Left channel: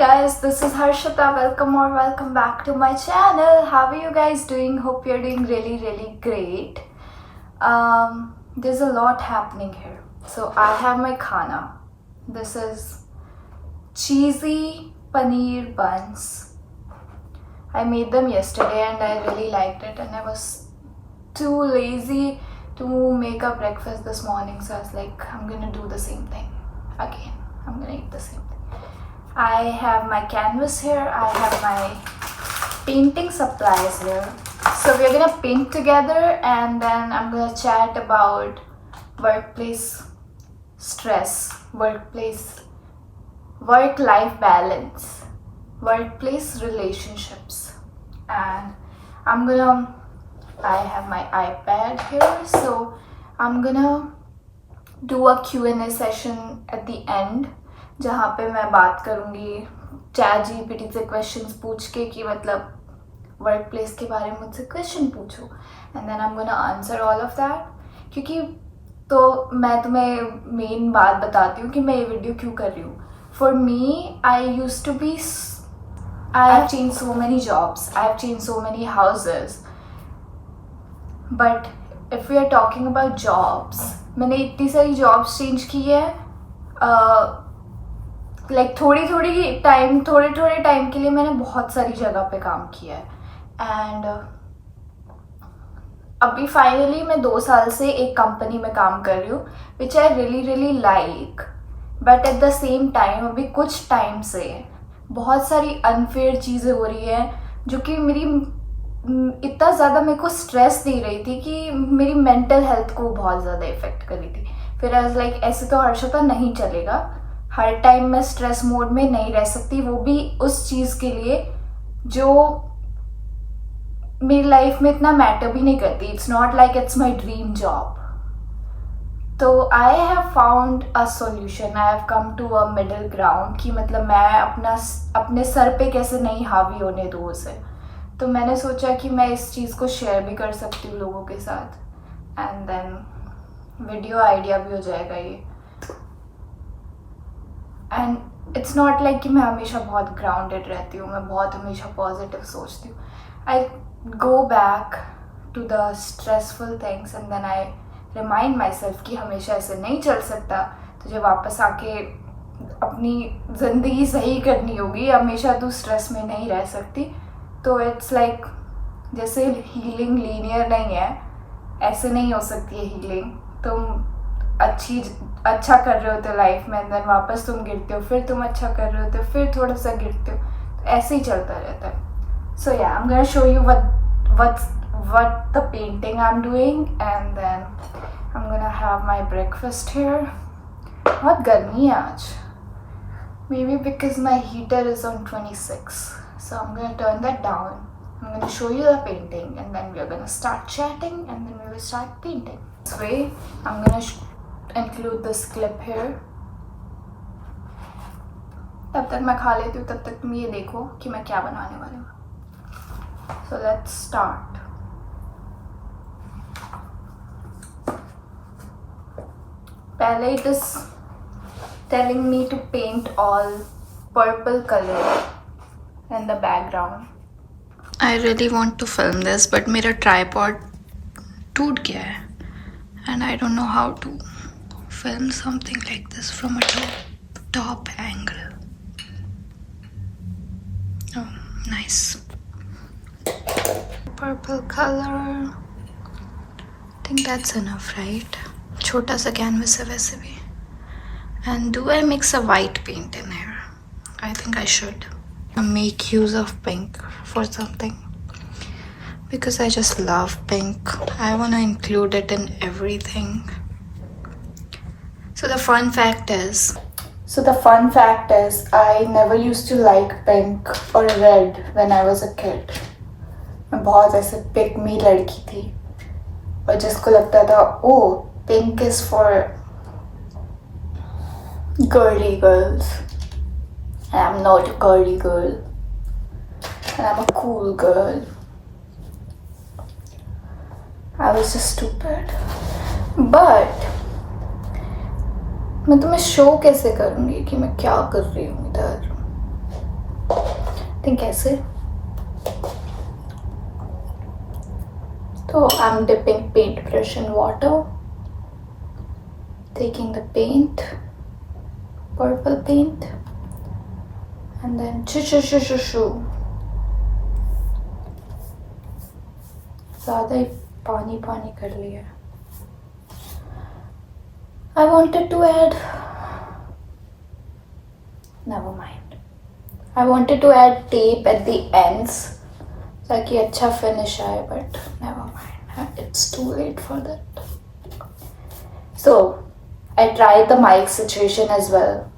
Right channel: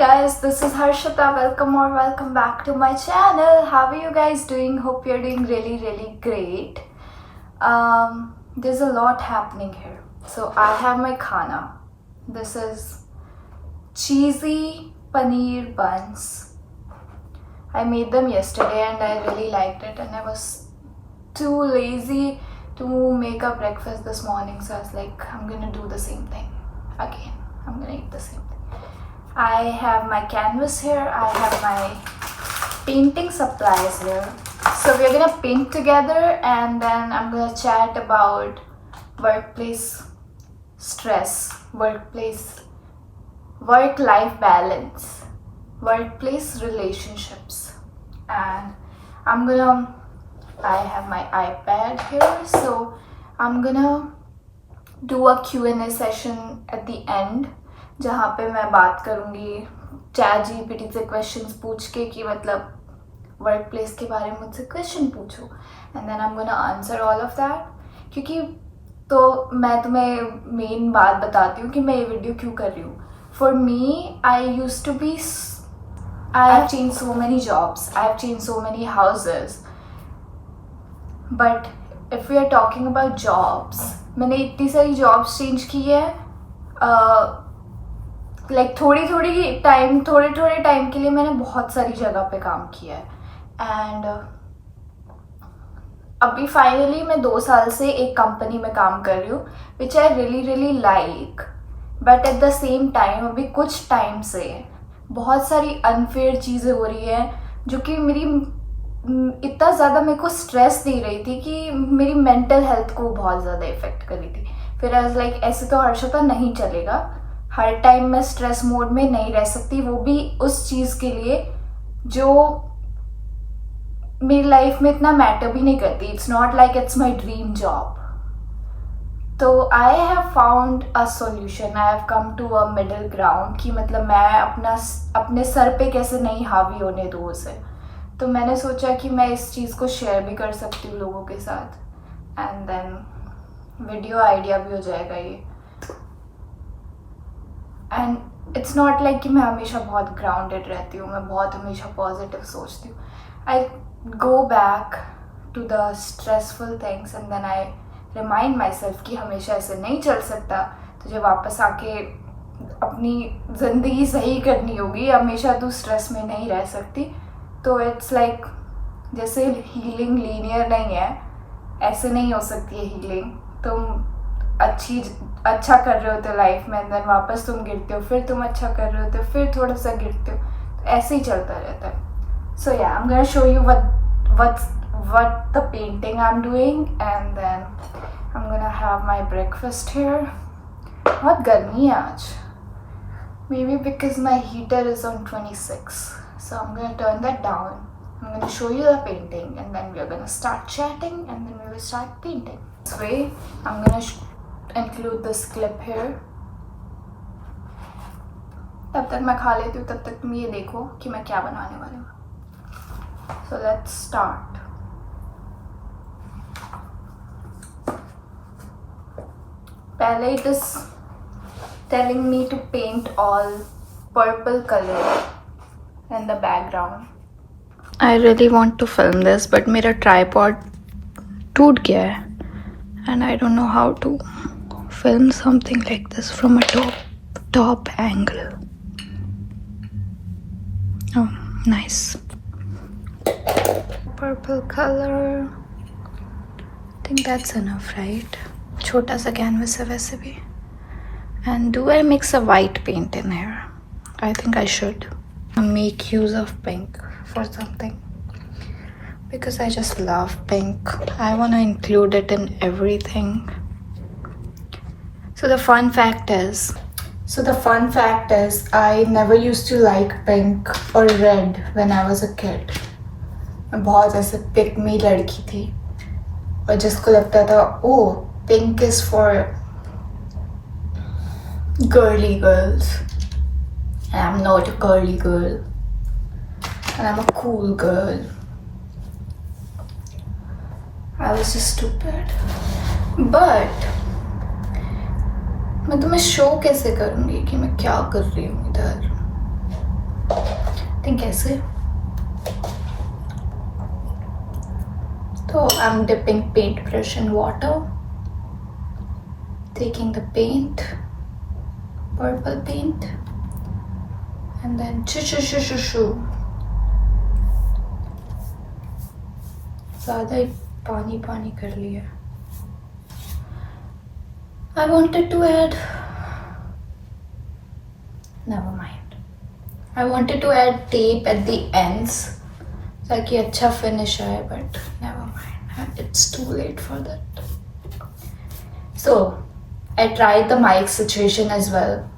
guys, this is Harshita. Welcome back to my channel. How are you guys doing? Hope you're doing really great. There's a lot happening here. So I have my khana. This is cheesy paneer buns. I made them yesterday and I really liked it, and I was too lazy to make a breakfast this morning, so I was like, I'm gonna do the same thing again. I'm gonna eat the same thing. I have my canvas here, I have my painting supplies here. So we're gonna paint together and then I'm gonna chat about workplace stress, work-life balance, workplace relationships, and I have my iPad here, so I'm gonna do a Q&A session at the end जहाँ पे मैं बात करूँगी chat GPT से questions पूछ के कि मतलब वर्क प्लेस के बारे में मुझसे क्वेश्चन पूछो, and then I am gonna answer all of that. क्योंकि तो मैं तुम्हें मेन बात बताती हूँ कि मैं ये वीडियो क्यों कर रही हूँ. For me I have change so many jobs, I have change so many houses, but if we are talking about jobs, मैंने इतनी सारी जॉब्स चेंज की है. लाइक थोड़े टाइम के लिए मैंने बहुत सारी जगह पे काम किया है, एंड अभी फाइनली मैं 2 साल से एक कंपनी में काम कर रही हूँ which I really like, but at the same time अभी कुछ टाइम से बहुत सारी अनफेयर चीज़ें हो रही हैं जो कि मेरी इतना ज़्यादा मेरे को स्ट्रेस दे रही थी कि मेरी मेंटल हेल्थ को बहुत ज़्यादा इफेक्ट कर रही थी. फिर आई वाज लाइक ऐसे तो हर्षिता नहीं चलेगा, हर टाइम मैं स्ट्रेस मोड में नहीं रह सकती, वो भी उस चीज़ के लिए जो मेरी लाइफ में इतना मैटर भी नहीं करती. It's not like it's my dream job. तो I have found a solution, I have come to a middle ground कि मतलब मैं अपने सर पे कैसे नहीं हावी होने दूँ उसे. तो मैंने सोचा कि मैं इस चीज़ को शेयर भी कर सकती हूँ लोगों के साथ, एंड देन वीडियो आइडिया भी हो जाएगा ये. एंड इट्स नॉट लाइक कि मैं हमेशा बहुत ग्राउंडेड रहती हूँ, मैं बहुत हमेशा पॉजिटिव सोचती हूँ. I go back to the stressful things and then I remind myself कि हमेशा ऐसे नहीं चल सकता, तुझे वापस आके अपनी ज़िंदगी सही करनी होगी, हमेशा तू स्ट्रेस में नहीं रह सकती. तो इट्स लाइक जैसे हीलिंग लीनियर नहीं है, ऐसे नहीं हो सकती है हीलिंग. तुम अच्छा कर रहे होते हो लाइफ में, देन वापस तुम गिरते हो, फिर तुम अच्छा कर रहे होते हो, फिर थोड़ा सा गिरते हो, तो ऐसे ही चलता रहता है. सो या आई am gonna show you what the painting I'm doing, and then I'm gonna have my breakfast here. बहुत गर्मी है आज, maybe because my heater is on 26, so I'm gonna turn that down. I'm gonna show you the painting and then we're gonna start chatting and then we will start painting. This way I'm gonna include this clip here. तब तक मैं खा लेती हूँ, तब तक तुम ये देखो कि मैं क्या बनाने वाली हूँ. So let's start. पहले it is telling me to paint all purple color in the background. I really want to film this, but मेरा tripod टूट गया है and I don't know how to film something like this from a top angle. Oh, nice. Purple color. I think that's enough, right? छोटा सा canvas है वैसे भी. And do I mix a white paint in here? I think I should. Make use of pink for something, because I just love pink. I want to include it in everything. So the fun fact is I never used to like pink or red when I was a kid. मैं बहुत ऐसे pick me लड़की थी और जिसको लगता था oh pink is for girly girls, and I'm not a girly girl and I'm a cool girl. I was just stupid. But मैं तुम्हें शो कैसे करूँगी कि मैं क्या कर रही हूँ इधर. think ऐसे. So I'm dipping paint brush in water, taking the paint, purple paint, and then shoo. ज़्यादा ही पानी कर लिया. I wanted to add, never mind. I wanted to add tape at the ends ताकि अच्छा finish आए, but never mind. It's too late for that. So I tried the mic situation as well.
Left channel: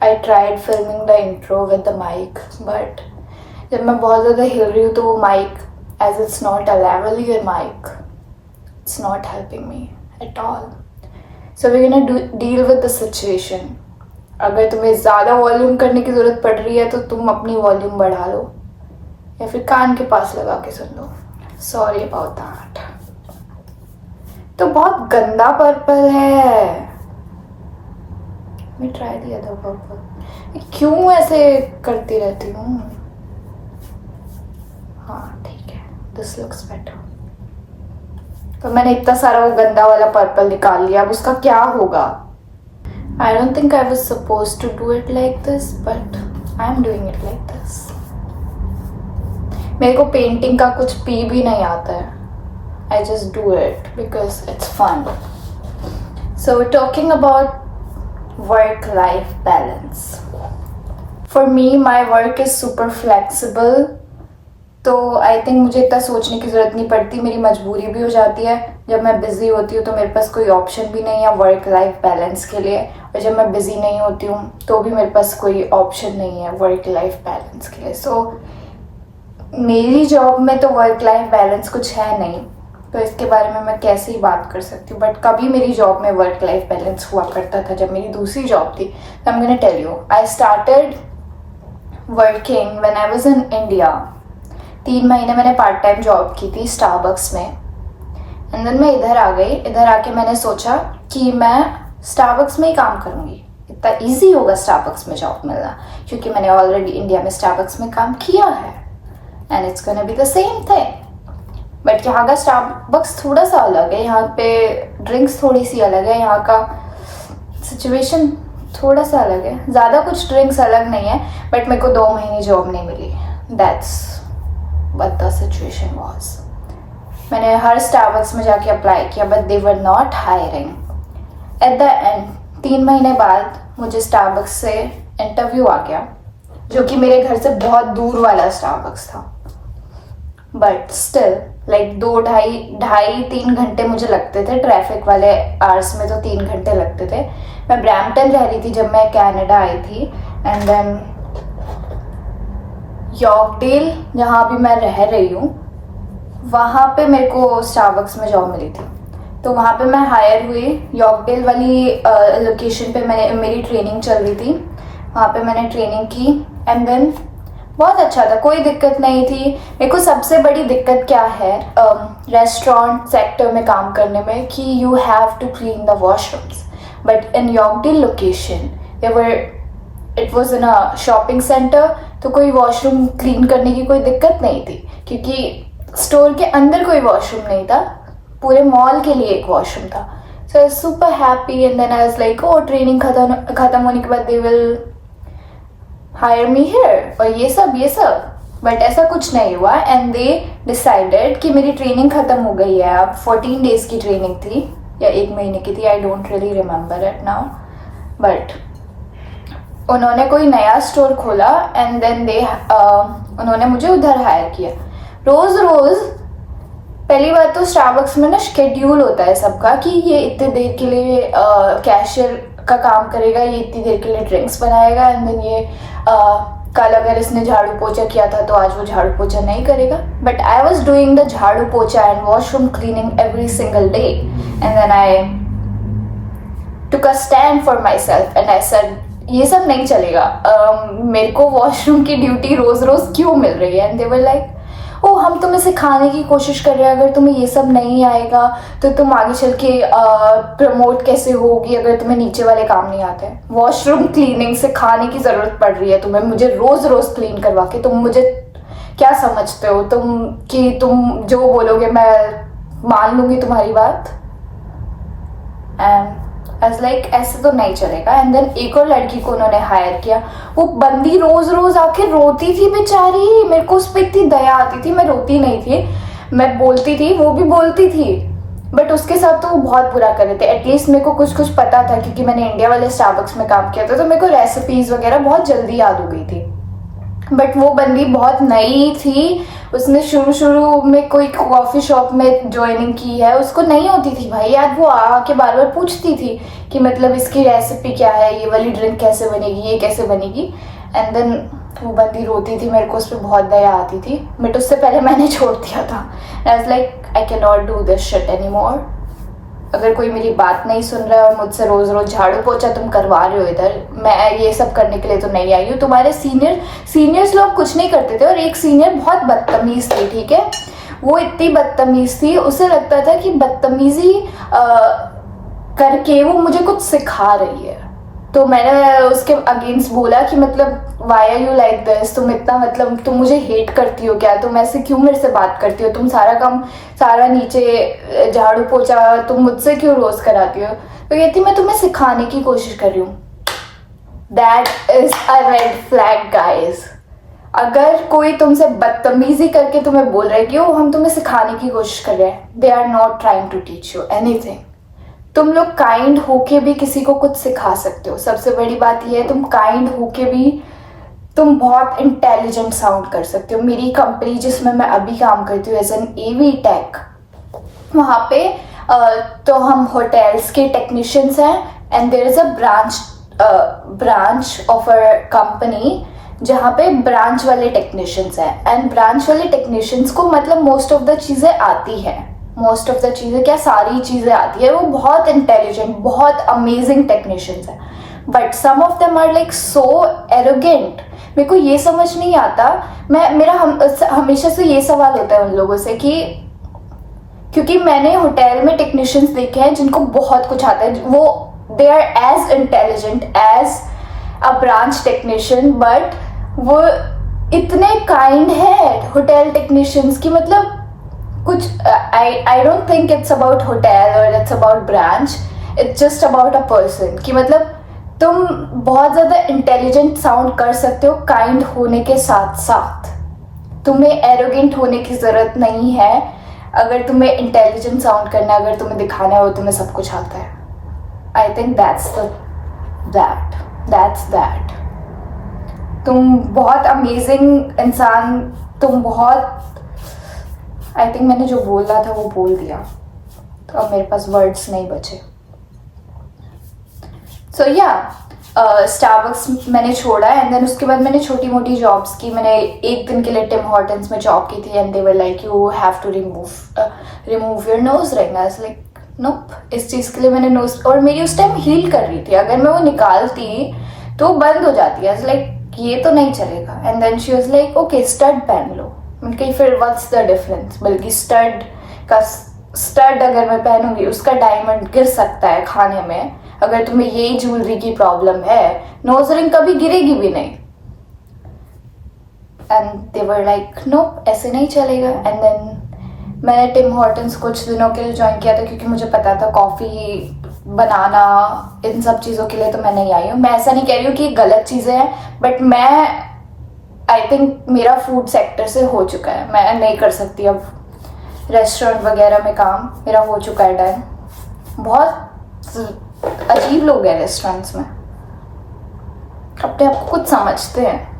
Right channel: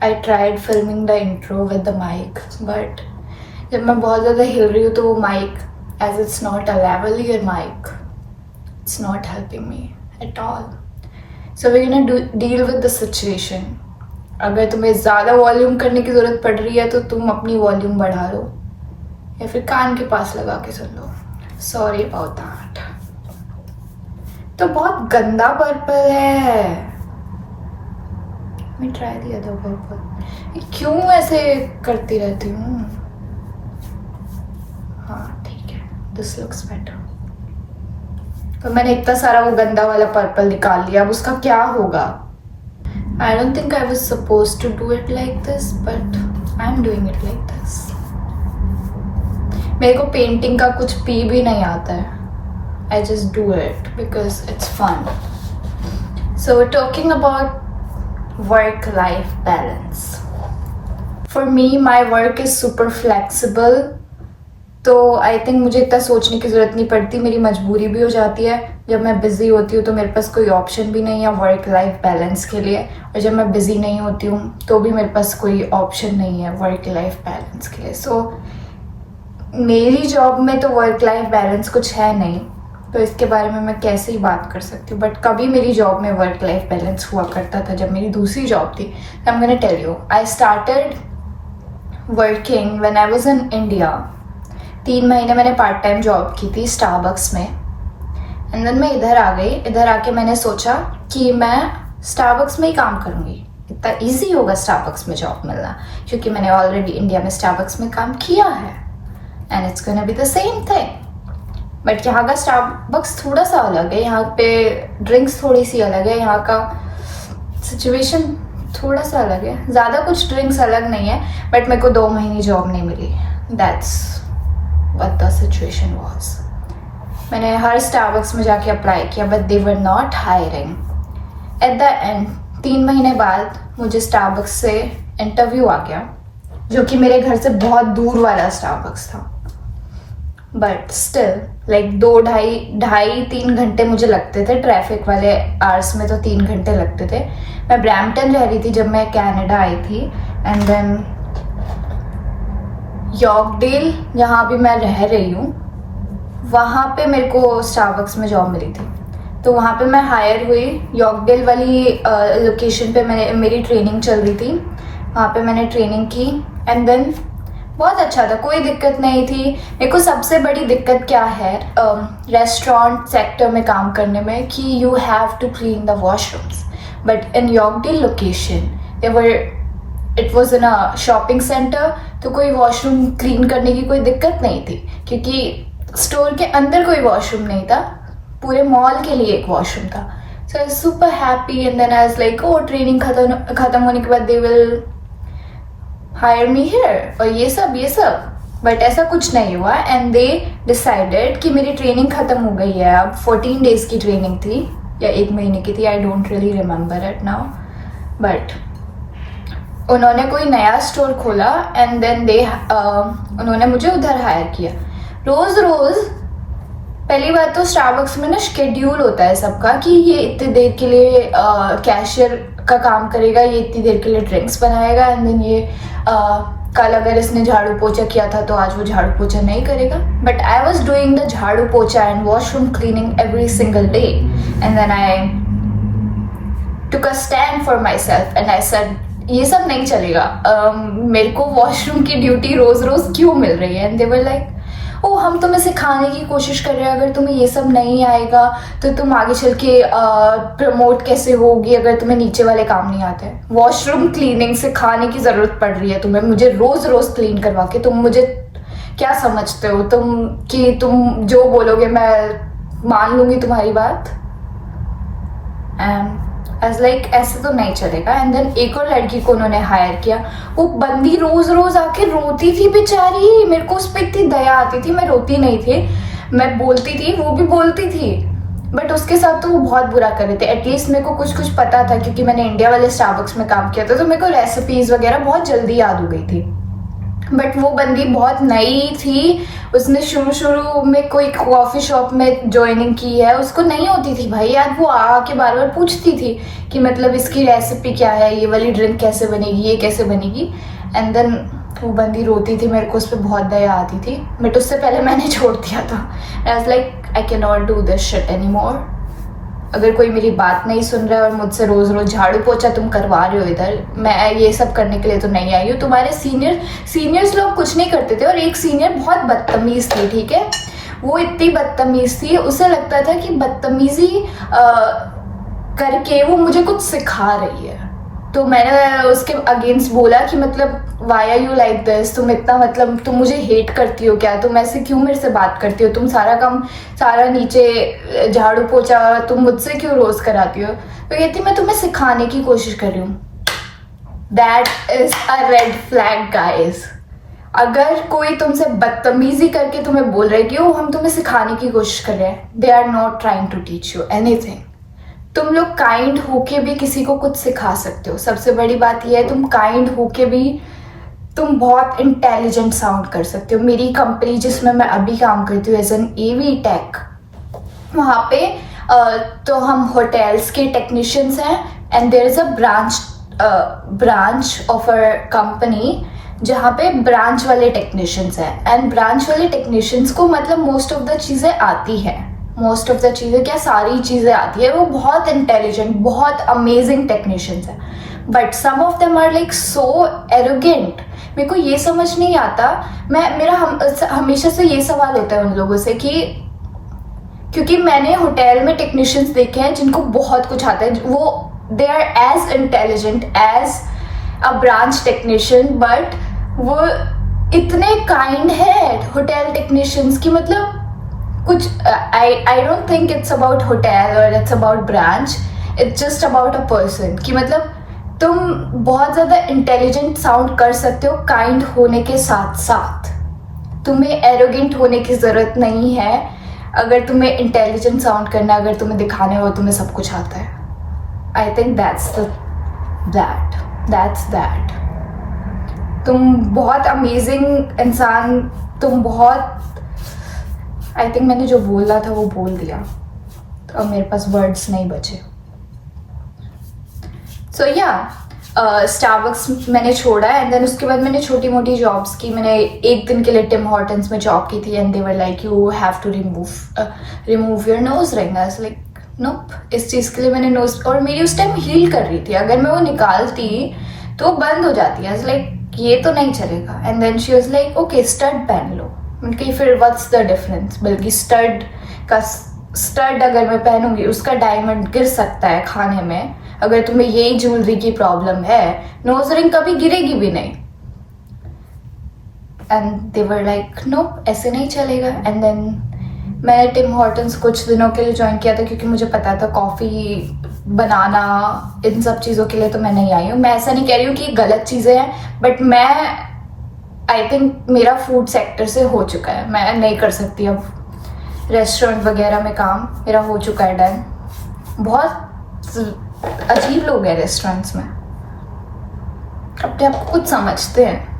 I tried filming the intro with the mic, but जब मैं बहुत ज़्यादा हिल रही हूँ तो वो mic, as it's not a lavalier mic, it's not helping me at all. So we're gonna deal with the situation. अगर तुम्हें ज़्यादा वॉल्यूम करने की ज़रूरत पड़ रही है तो तुम अपनी वॉल्यूम बढ़ा लो या फिर कान के पास लगा के सुन लो. Sorry about that. तो बहुत गंदा पर्पल है. मैं ट्राई दिया था पर्पल. क्यों ऐसे करती रहती हूँ. हाँ ठीक है, दिस लुक्स बेटर. तो मैंने इतना सारा वो गंदा वाला पर्पल निकाल लिया. अब उसका क्या होगा. I don't think I was supposed to do it like this, but I'm doing it like this. मेरे को पेंटिंग का कुछ पी भी नहीं आता है. I just do it because it's fun. So we're talking about work-life balance. For me, my work is super flexible. तो I think मुझे इतना सोचने की ज़रूरत नहीं पड़ती. मेरी मजबूरी भी हो जाती है. जब मैं बिज़ी होती हूँ तो मेरे पास कोई ऑप्शन भी नहीं है वर्क लाइफ बैलेंस के लिए, और जब मैं बिज़ी नहीं होती हूँ तो भी मेरे पास कोई ऑप्शन नहीं है वर्क लाइफ बैलेंस के लिए. सो मेरी जॉब में तो वर्क लाइफ बैलेंस कुछ है नहीं, तो इसके बारे में मैं कैसे ही बात कर सकती हूँ. बट कभी मेरी जॉब में वर्क लाइफ बैलेंस हुआ करता था जब मेरी दूसरी जॉब थी. I am gonna tell you. I started working when I was in India. 3 महीने मैंने पार्ट टाइम जॉब की थी स्टारबक्स में. एंड देन मैं इधर आ गई. इधर आके मैंने सोचा कि मैं स्टारबक्स में ही काम करूँगी. इतना इजी होगा स्टारबक्स में जॉब मिलना, क्योंकि मैंने ऑलरेडी इंडिया में स्टारबक्स में काम किया है. And it's gonna be the same thing. But यहाँ का स्टारबक्स थोड़ा सा अलग है. यहाँ पे ड्रिंक्स थोड़ी सी अलग है. यहाँ का सिचुएशन थोड़ा सा अलग है. ज़्यादा कुछ ड्रिंक्स अलग नहीं है, बट मेरे को 2 महीने जॉब नहीं मिली. That's what the situation was. मैंने हर स्टारबक्स में जाके अप्लाई किया, but they were not hiring. At the end 3 महीने बाद मुझे स्टारबक्स से इंटरव्यू आ गया, जो कि मेरे घर से बहुत दूर वाला स्टारबक्स था. बट स्टिल लाइक 2-2.5-3 घंटे मुझे लगते थे. ट्रैफिक वाले आवर्स में तो 3 घंटे लगते थे. मैं ब्रैम्पटन रह रही थी जब मैं कनाडा आई थी. एंड देन यॉर्कडेल, जहाँ भी मैं रह रही हूँ, वहाँ पे मेरे को स्टारबक्स में जॉब मिली थी. तो वहाँ पे मैं हायर हुई. यॉर्कडेल वाली लोकेशन पे मेरी ट्रेनिंग चल रही थी. वहाँ पे मैंने ट्रेनिंग की. एंड देन बहुत अच्छा था, कोई दिक्कत नहीं थी. मेरे को सबसे बड़ी दिक्कत क्या है रेस्टोरेंट सेक्टर में काम करने में, कि you have to clean the washrooms. But in Yorkdale location it was in a shopping centre, तो कोई वॉशरूम क्लीन करने की कोई दिक्कत नहीं थी, क्योंकि स्टोर के अंदर कोई वॉशरूम नहीं था. पूरे मॉल के लिए एक वॉशरूम था. So I was super happy. And then I was like, oh training खत्म होने के बाद they will hire me here और ये सब. बट ऐसा कुछ नहीं हुआ. एंड दे डिसाइडेड कि मेरी ट्रेनिंग खत्म हो गई है. अब 14 डेज की ट्रेनिंग थी या 1 महीने की थी. आई don't really remember it now. But उन्होंने कोई नया स्टोर खोला. एंड देन उन्होंने मुझे उधर हायर किया. रोज़ पहली बार तो स्टारबक्स में ना शेड्यूल होता है सबका, कि ये इतनी देर के लिए कैशियर का काम करेगा, ये इतनी देर के लिए ड्रिंक्स बनाएगा. एंड देन ये कल अगर इसने झाड़ू पोछा किया था तो आज वो झाड़ू पोछा नहीं करेगा. But I was doing the झाड़ू पोछा and washroom cleaning every single day. And then I took a stand for myself and I said, ये सब नहीं चलेगा. मेरे को वॉशरूम की ड्यूटी रोज क्यों मिल रही है. एंड दे वर लाइक, ओ हम तुम्हें सिखाने की कोशिश कर रहे हैं, अगर तुम्हें ये सब नहीं आएगा तो तुम आगे चल के प्रमोट कैसे होगी अगर तुम्हें नीचे वाले काम नहीं आते हैं। वॉशरूम क्लीनिंग सिखाने की ज़रूरत पड़ रही है तुम्हें, मुझे रोज़ रोज़ क्लीन करवा के। तुम मुझे क्या समझते हो तुम कि तुम जो बोलोगे मैं मान लूँगी तुम्हारी बात? एंड एज लाइक ऐसे तो नहीं चलेगा। एंड देन एक और लड़की को उन्होंने हायर किया, वो बंदी रोज रोज आके रोती थी बेचारी, मेरे को उस पर इतनी दया आती थी। मैं रोती नहीं थी, मैं बोलती थी, वो भी बोलती थी, बट उसके साथ तो वो बहुत बुरा कर रहे थे। एटलीस्ट मेरे को कुछ कुछ पता था क्योंकि मैंने इंडिया वाले स्टारबक्स में काम किया था, तो मेरे को रेसिपीज वगैरह बहुत जल्दी याद हो गई थी। बट वो बंदी बहुत नई थी, उसने शुरू में कोई कॉफ़ी शॉप में ज्वाइनिंग की है, उसको नहीं होती थी भाई यार। वो आके बार बार पूछती थी कि मतलब इसकी रेसिपी क्या है, ये वाली ड्रिंक कैसे बनेगी, ये कैसे बनेगी। एंड देन वो बंदी रोती थी, मेरे को उस पर बहुत दया आती थी, बट उससे पहले मैंने छोड़ दिया था। आई was like I can not do this shit any more. अगर कोई मेरी बात नहीं सुन रहा है और मुझसे रोज रोज झाड़ू पोछा तुम करवा रहे हो इधर, मैं ये सब करने के लिए तो नहीं आई हूँ। तुम्हारे सीनियर्स लोग कुछ नहीं करते थे, और एक सीनियर बहुत बदतमीज थी, ठीक है। वो इतनी बदतमीज थी, उसे लगता था कि बदतमीजी करके वो मुझे कुछ सिखा रही है। तो मैंने उसके अगेंस्ट बोला कि मतलब why are you like this, तुम इतना मतलब तुम मुझे हेट करती हो क्या, तुम ऐसे क्यों मेरे से बात करती हो, तुम सारा काम सारा नीचे झाड़ू पोछा तुम मुझसे क्यों रोज कराती हो। तो कहती मैं तुम्हें सिखाने की कोशिश कर रही हूँ। That is a red flag guys. अगर कोई तुमसे बदतमीजी करके तुम्हें बोल रहा है कि हम तुम्हें सिखाने की कोशिश कर रहे हैं, they are not trying to teach you anything. तुम लोग काइंड होके भी किसी को कुछ सिखा सकते हो। सबसे बड़ी बात यह है तुम काइंड होके भी तुम बहुत इंटेलिजेंट साउंड कर सकते हो। मेरी कंपनी जिसमें मैं अभी काम करती हूँ एज एन एवी टेक, वहाँ पे तो हम होटल्स के टेक्नीशियंस हैं, and there is a branch of a company जहाँ पे ब्रांच वाले टेक्नीशियंस हैं। एंड ब्रांच वाले टेक्नीशियंस को मतलब मोस्ट ऑफ द चीज़ें आती हैं, मोस्ट ऑफ द चीज़ें क्या सारी चीज़ें आती है। वो बहुत इंटेलिजेंट, बहुत अमेजिंग टेक्नीशियंस हैं, but some of them are like so arrogant. मेरे को ये समझ नहीं आता, मेरा हमेशा से ये सवाल होता है उन लोगों से कि क्योंकि मैंने होटल में टेक्नीशियंस देखे हैं जिनको बहुत कुछ आता है, वो they are as intelligent as a branch technician, but वो इतने काइंड है होटल टेक्नीशियंस की मतलब कुछ I don't think it's about hotel और it's about branch, it's just about a person. कि मतलब तुम बहुत ज़्यादा इंटेलिजेंट साउंड कर सकते हो काइंड होने के साथ साथ, तुम्हें एरोगेंट होने की ज़रूरत नहीं है। अगर तुम्हें इंटेलिजेंट साउंड करना, अगर तुम्हें दिखाना है वो तुम्हें सब कुछ आता है। I think that's that. तुम बहुत अमेजिंग इंसान, तुम बहुत, आई थिंक मैंने जो बोलना था वो बोल दिया, तो अब मेरे पास वर्ड्स नहीं बचे। सो या स्टारबक्स मैंने छोड़ा, एंड देन उसके बाद मैंने छोटी मोटी जॉब्स की। मैंने एक दिन के लिए टिम हॉर्टन्स में जॉब की थी, and they were like you have to remove your nose ring. I was like nope, इस चीज़ के लिए मैंने नोज, और मेरी उस टाइम हील कर रही थी, अगर मैं वो निकालती तो वो बंद हो जाती है। आई वाज लाइक ये तो नहीं चलेगा। And then she was like okay stud पहन लो। मैंने कही फिर व्हाट्स द डिफरेंस, बल्कि स्टड अगर मैं पहनूंगी उसका डायमंड गिर सकता है खाने में। अगर तुम्हें यही ज्वेलरी की प्रॉब्लम है, नोज रिंग कभी गिरेगी भी नहीं। And they were like no, ऐसे नहीं चलेगा। एंड देन मैंने टिम हॉर्टन्स कुछ दिनों के लिए ज्वाइन किया था, क्योंकि मुझे पता था कॉफ़ी बनाना इन सब चीज़ों के लिए तो मैं नहीं आई हूँ। मैं ऐसा नहीं कह रही हूँ कि गलत चीज़ें हैं, बट मैं आई थिंक मेरा फूड सेक्टर से हो चुका है, मैं नहीं कर सकती अब रेस्टोरेंट वगैरह में काम, मेरा हो चुका है डन। बहुत अजीब लोग हैं रेस्टोरेंट्स में, अपने आप को कुछ समझते हैं।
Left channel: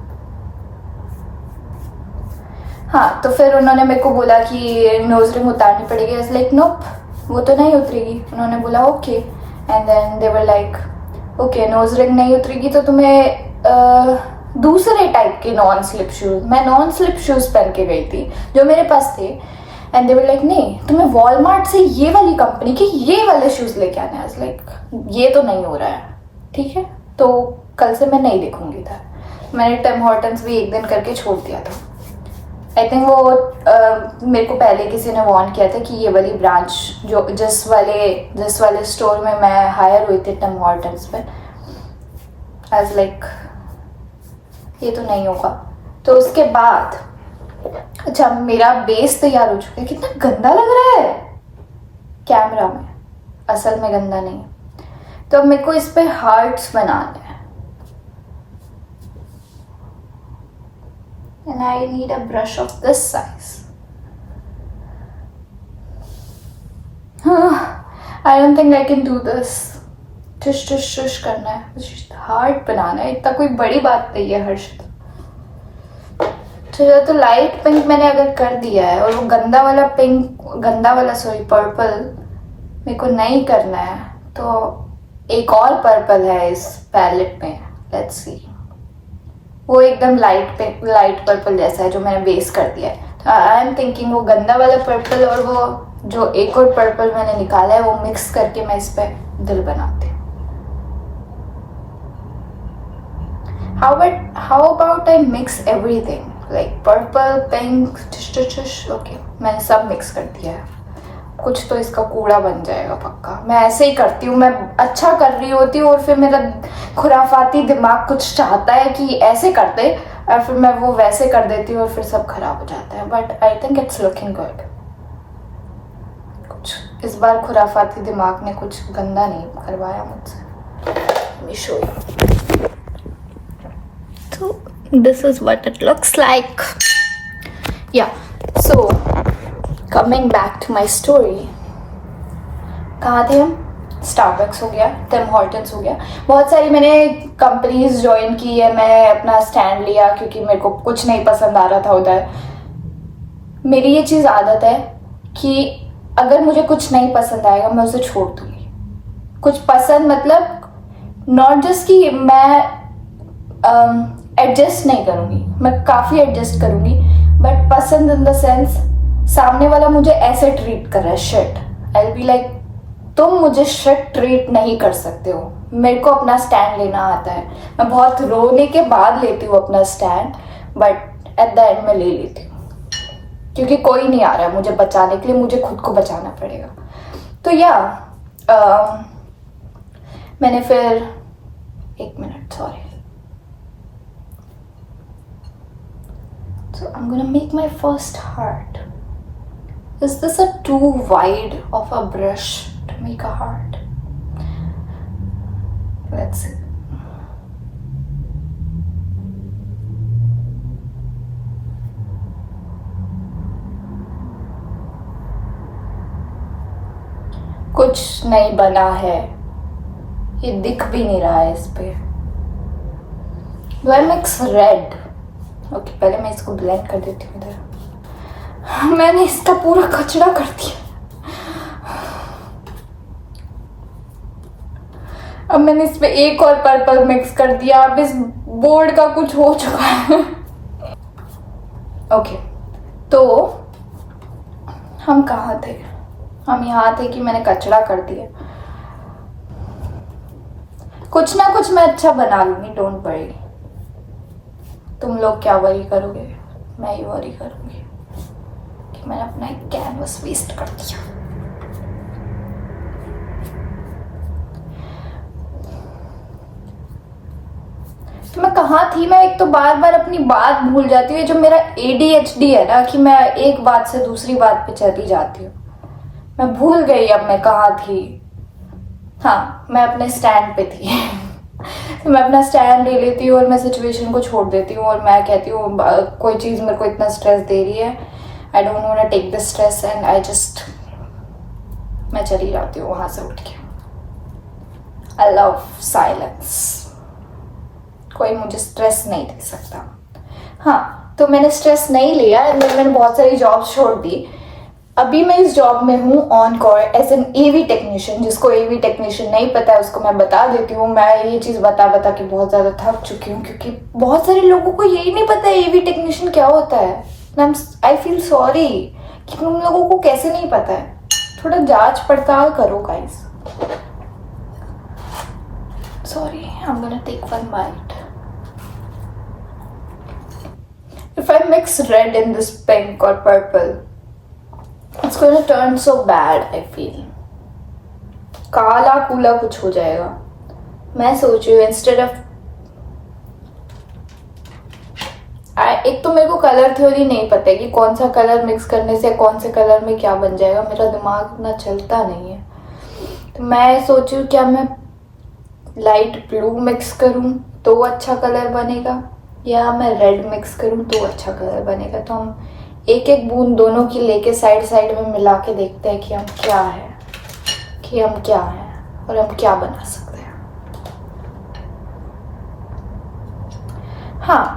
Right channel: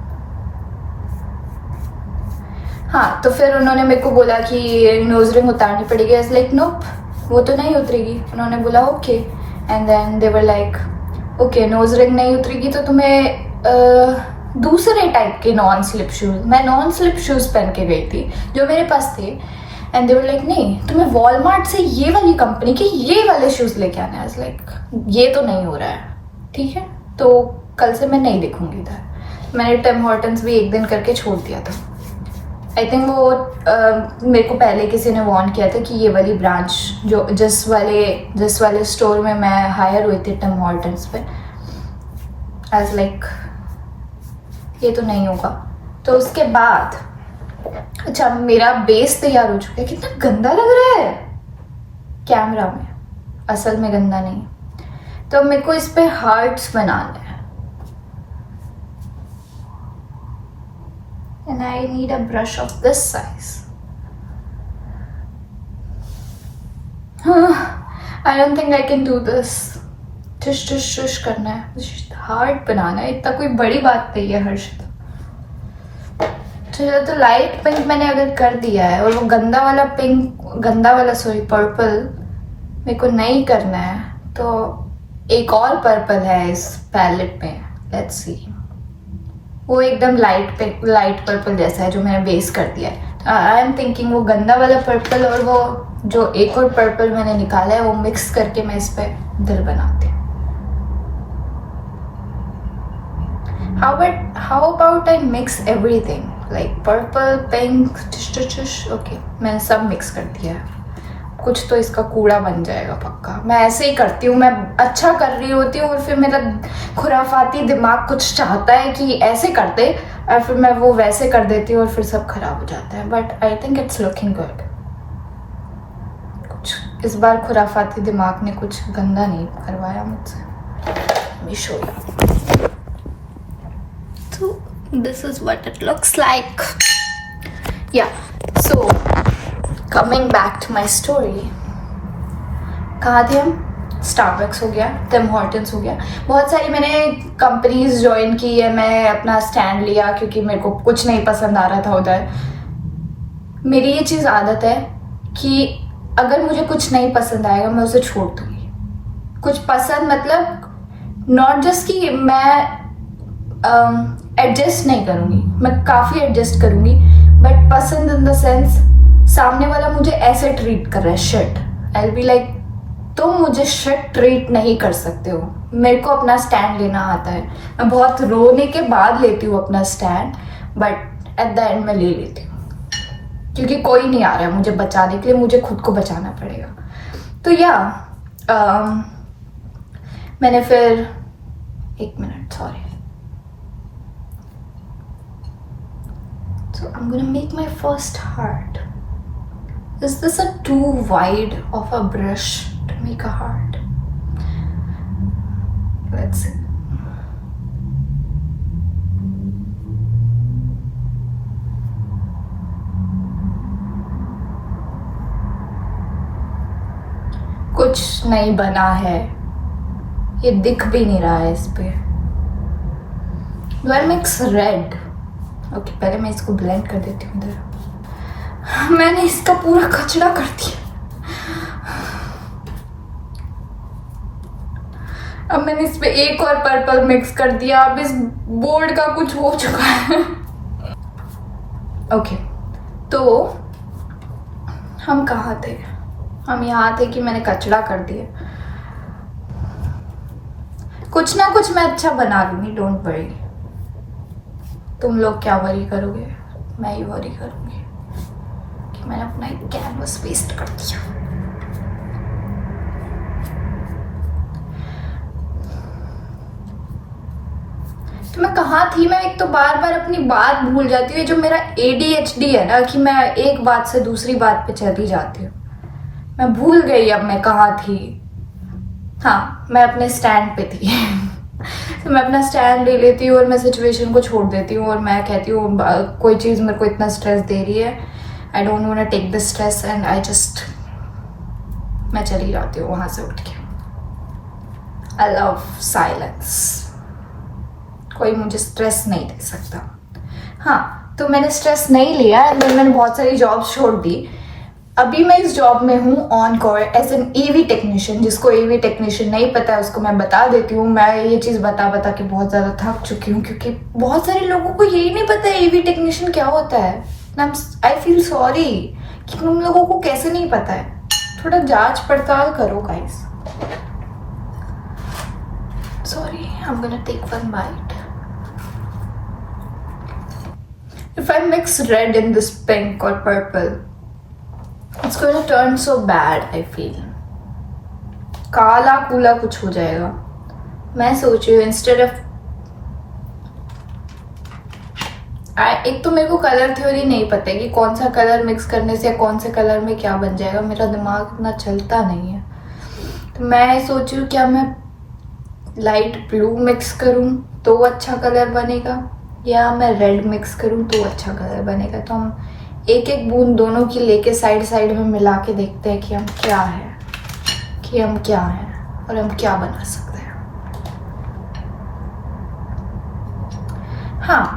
हाँ, तो फिर उन्होंने मेरे को बोला कि नोज रिंग उतारनी पड़ेगी। आई वाज लाइक नोप, वो तो नहीं उतरेगी। उन्होंने बोला okay, and then they were like okay nose ring नहीं उतरेगी तो तुम्हें दूसरे टाइप के नॉन स्लिप शूज, मैं नॉन स्लिप शूज पहन के गई थी जो मेरे पास थे, एंड दे वर लाइक नहीं तुम्हें वॉलमार्ट से ये वाली कंपनी के ये वाले शूज लेके आना है। आई वाज लाइक ये तो नहीं हो रहा है, ठीक है तो कल से मैं नहीं देखूंगी इधर। मैंने टिम हॉर्टन्स भी एक दिन करके छोड़ दिया था। आई थिंक वो मेरे को पहले किसी ने वार्न किया था कि ये वाली ब्रांच जो जिस वाले स्टोर में मैं हायर हुई थी टिम हॉर्टन्स पे, एज लाइक ये तो नहीं होगा। तो उसके बाद अच्छा मेरा बेस तैयार हो चुका है। कितना गंदा लग रहा है कैमरा में, असल में गंदा नहीं है। तो मेरे को इस पे हार्ट्स बनाने हैं and I need a brush of this size. I don't think I can do this. टुश टुश टुश करना है, हार्ट बनाना है, इतना कोई बड़ी बात नहीं है हर्षित। तो लाइट पिंक मैंने अगर कर दिया है और वो गंदा वाला पर्पल मेरे को नहीं करना है, तो एक और पर्पल है इस पैलेट में, लेट्स सी। वो एकदम लाइट पर्पल जैसा है जो मैंने बेस कर दिया है। आई एम थिंकिंग वो गंदा वाला पर्पल और वो जो एक और पर्पल मैंने निकाला है वो मिक्स करके मैं इस पे दिल बनाती हूँ। How about I mix everything like purple, pink, okay, मैंने सब मिक्स कर दिया है। कुछ तो इसका कूड़ा बन जाएगा पक्का। मैं ऐसे ही करती हूँ, मैं अच्छा कर रही होती हूँ और फिर मेरा खुराफाती दिमाग कुछ चाहता है कि ऐसे करते, और फिर मैं वो वैसे कर देती हूँ और फिर सब खराब हो जाता है। But I think it's looking good. कुछ इस बार खुराफाती दिमाग ने कुछ गंदा नहीं करवाया मुझसे। Let me show you. So this is what it looks like. Yeah. So coming back to my story, कहाँ थे हम? स्टारबक्स हो गया, टिम हॉर्टन्स हो गया, बहुत सारी मैंने कंपनीज ज्वाइन की है। मैं अपना स्टैंड लिया क्योंकि मेरे को कुछ नहीं पसंद आ रहा था उधर। मेरी ये चीज़ आदत है कि अगर मुझे कुछ नहीं पसंद आएगा मैं उसे छोड़ दूँगी। कुछ पसंद मतलब नॉट जस्ट कि मैं एडजस्ट नहीं करूँगी, मैं काफ़ी एडजस्ट करूँगी, बट पसंद इन द सेंस सामने वाला मुझे ऐसे ट्रीट कर रहा है, shit, I will be like तुम मुझे शिट ट्रीट नहीं कर सकते हो। मेरे को अपना स्टैंड लेना आता है। मैं बहुत रोने के बाद लेती हूँ अपना stand, but at the and मैं ले लेती हूँ क्योंकि कोई नहीं आ रहा है मुझे बचाने के लिए, मुझे खुद को बचाना पड़ेगा। तो या मैंने फिर एक minute, sorry. So I'm gonna make my first heart. Is this a too wide of a brush to make a heart? Let's see. कुछ नहीं बना है, ये दिख भी नहीं रहा है इस पे। Do I mix red? Okay, पहले मैं इसको ब्लेंड कर देती हूँ इधर। मैंने इसका पूरा कचरा कर दिया। अब मैंने इस पे एक और पर्पल मिक्स कर दिया। अब इस बोर्ड का कुछ हो चुका है। ओके, तो हम कहाँ थे? हम यहाँ थे कि मैंने कचरा कर दिया। कुछ ना कुछ मैं अच्छा बना लूंगी, डोंट वरी। तुम लोग क्या वरी करोगे, मैं ही वरी करूंगी कि मैंने अपना एक कैनवस वेस्ट कर दिया। तो मैं कहाँ थी? मैं एक तो बार बार अपनी बात भूल जाती हूँ। जो मेरा ADHD है ना कि मैं एक बात से दूसरी बात पे चली जाती हूँ। मैं भूल गई अब मैं कहाँ थी। हाँ, मैं अपने स्टैंड पे थी। तो मैं अपना स्टैंड ले लेती हूँ और मैं सिचुएशन को छोड़ देती हूँ और मैं कहती हूँ कोई चीज़ मेरे को इतना स्ट्रेस दे रही है, I don't want to take the stress and I just, मैं चली जाती हूँ वहाँ से उठ के। I love silence. कोई मुझे स्ट्रेस नहीं दे सकता। हाँ, तो मैंने स्ट्रेस नहीं लिया एंड मैंने बहुत सारी जॉब्स छोड़ दी। अभी मैं इस जॉब में हूँ on call as an AV technician. जिसको AV टेक्नीशियन नहीं पता है उसको मैं बता देती हूँ। मैं ये चीज़ बता के बहुत ज़्यादा थक चुकी हूँ क्योंकि बहुत सारे लोगों को यही नहीं पता AV टेक्नीशियन क्या होता है। आई फील सॉरी कि तुम लोगों को कैसे नहीं पता है। थोड़ा जांच पड़ताल करो guys. Sorry, I am gonna take one bite. If I mix red in this pink or purple, it's going to turn so bad, I feel. काला कूला कुछ हो जाएगा. मैं सोच रही हूँ इंस्टेड ऑफ एक तो मेरे को कलर थ्योरी नहीं पता है कि कौन सा कलर मिक्स करने से कौन से कलर में क्या बन जाएगा. मेरा दिमाग इतना चलता नहीं है. तो मैं सोच रही हूँ क्या मैं लाइट ब्लू मिक्स करूँ तो अच्छा कलर बनेगा, या मैं रेड मिक्स करूँ तो अच्छा कलर बनेगा. तो हम एक एक बूंद दोनों की लेके साइड साइड में मिला के देखते हैं कि हम क्या है और हम क्या बना सकते हैं. हाँ,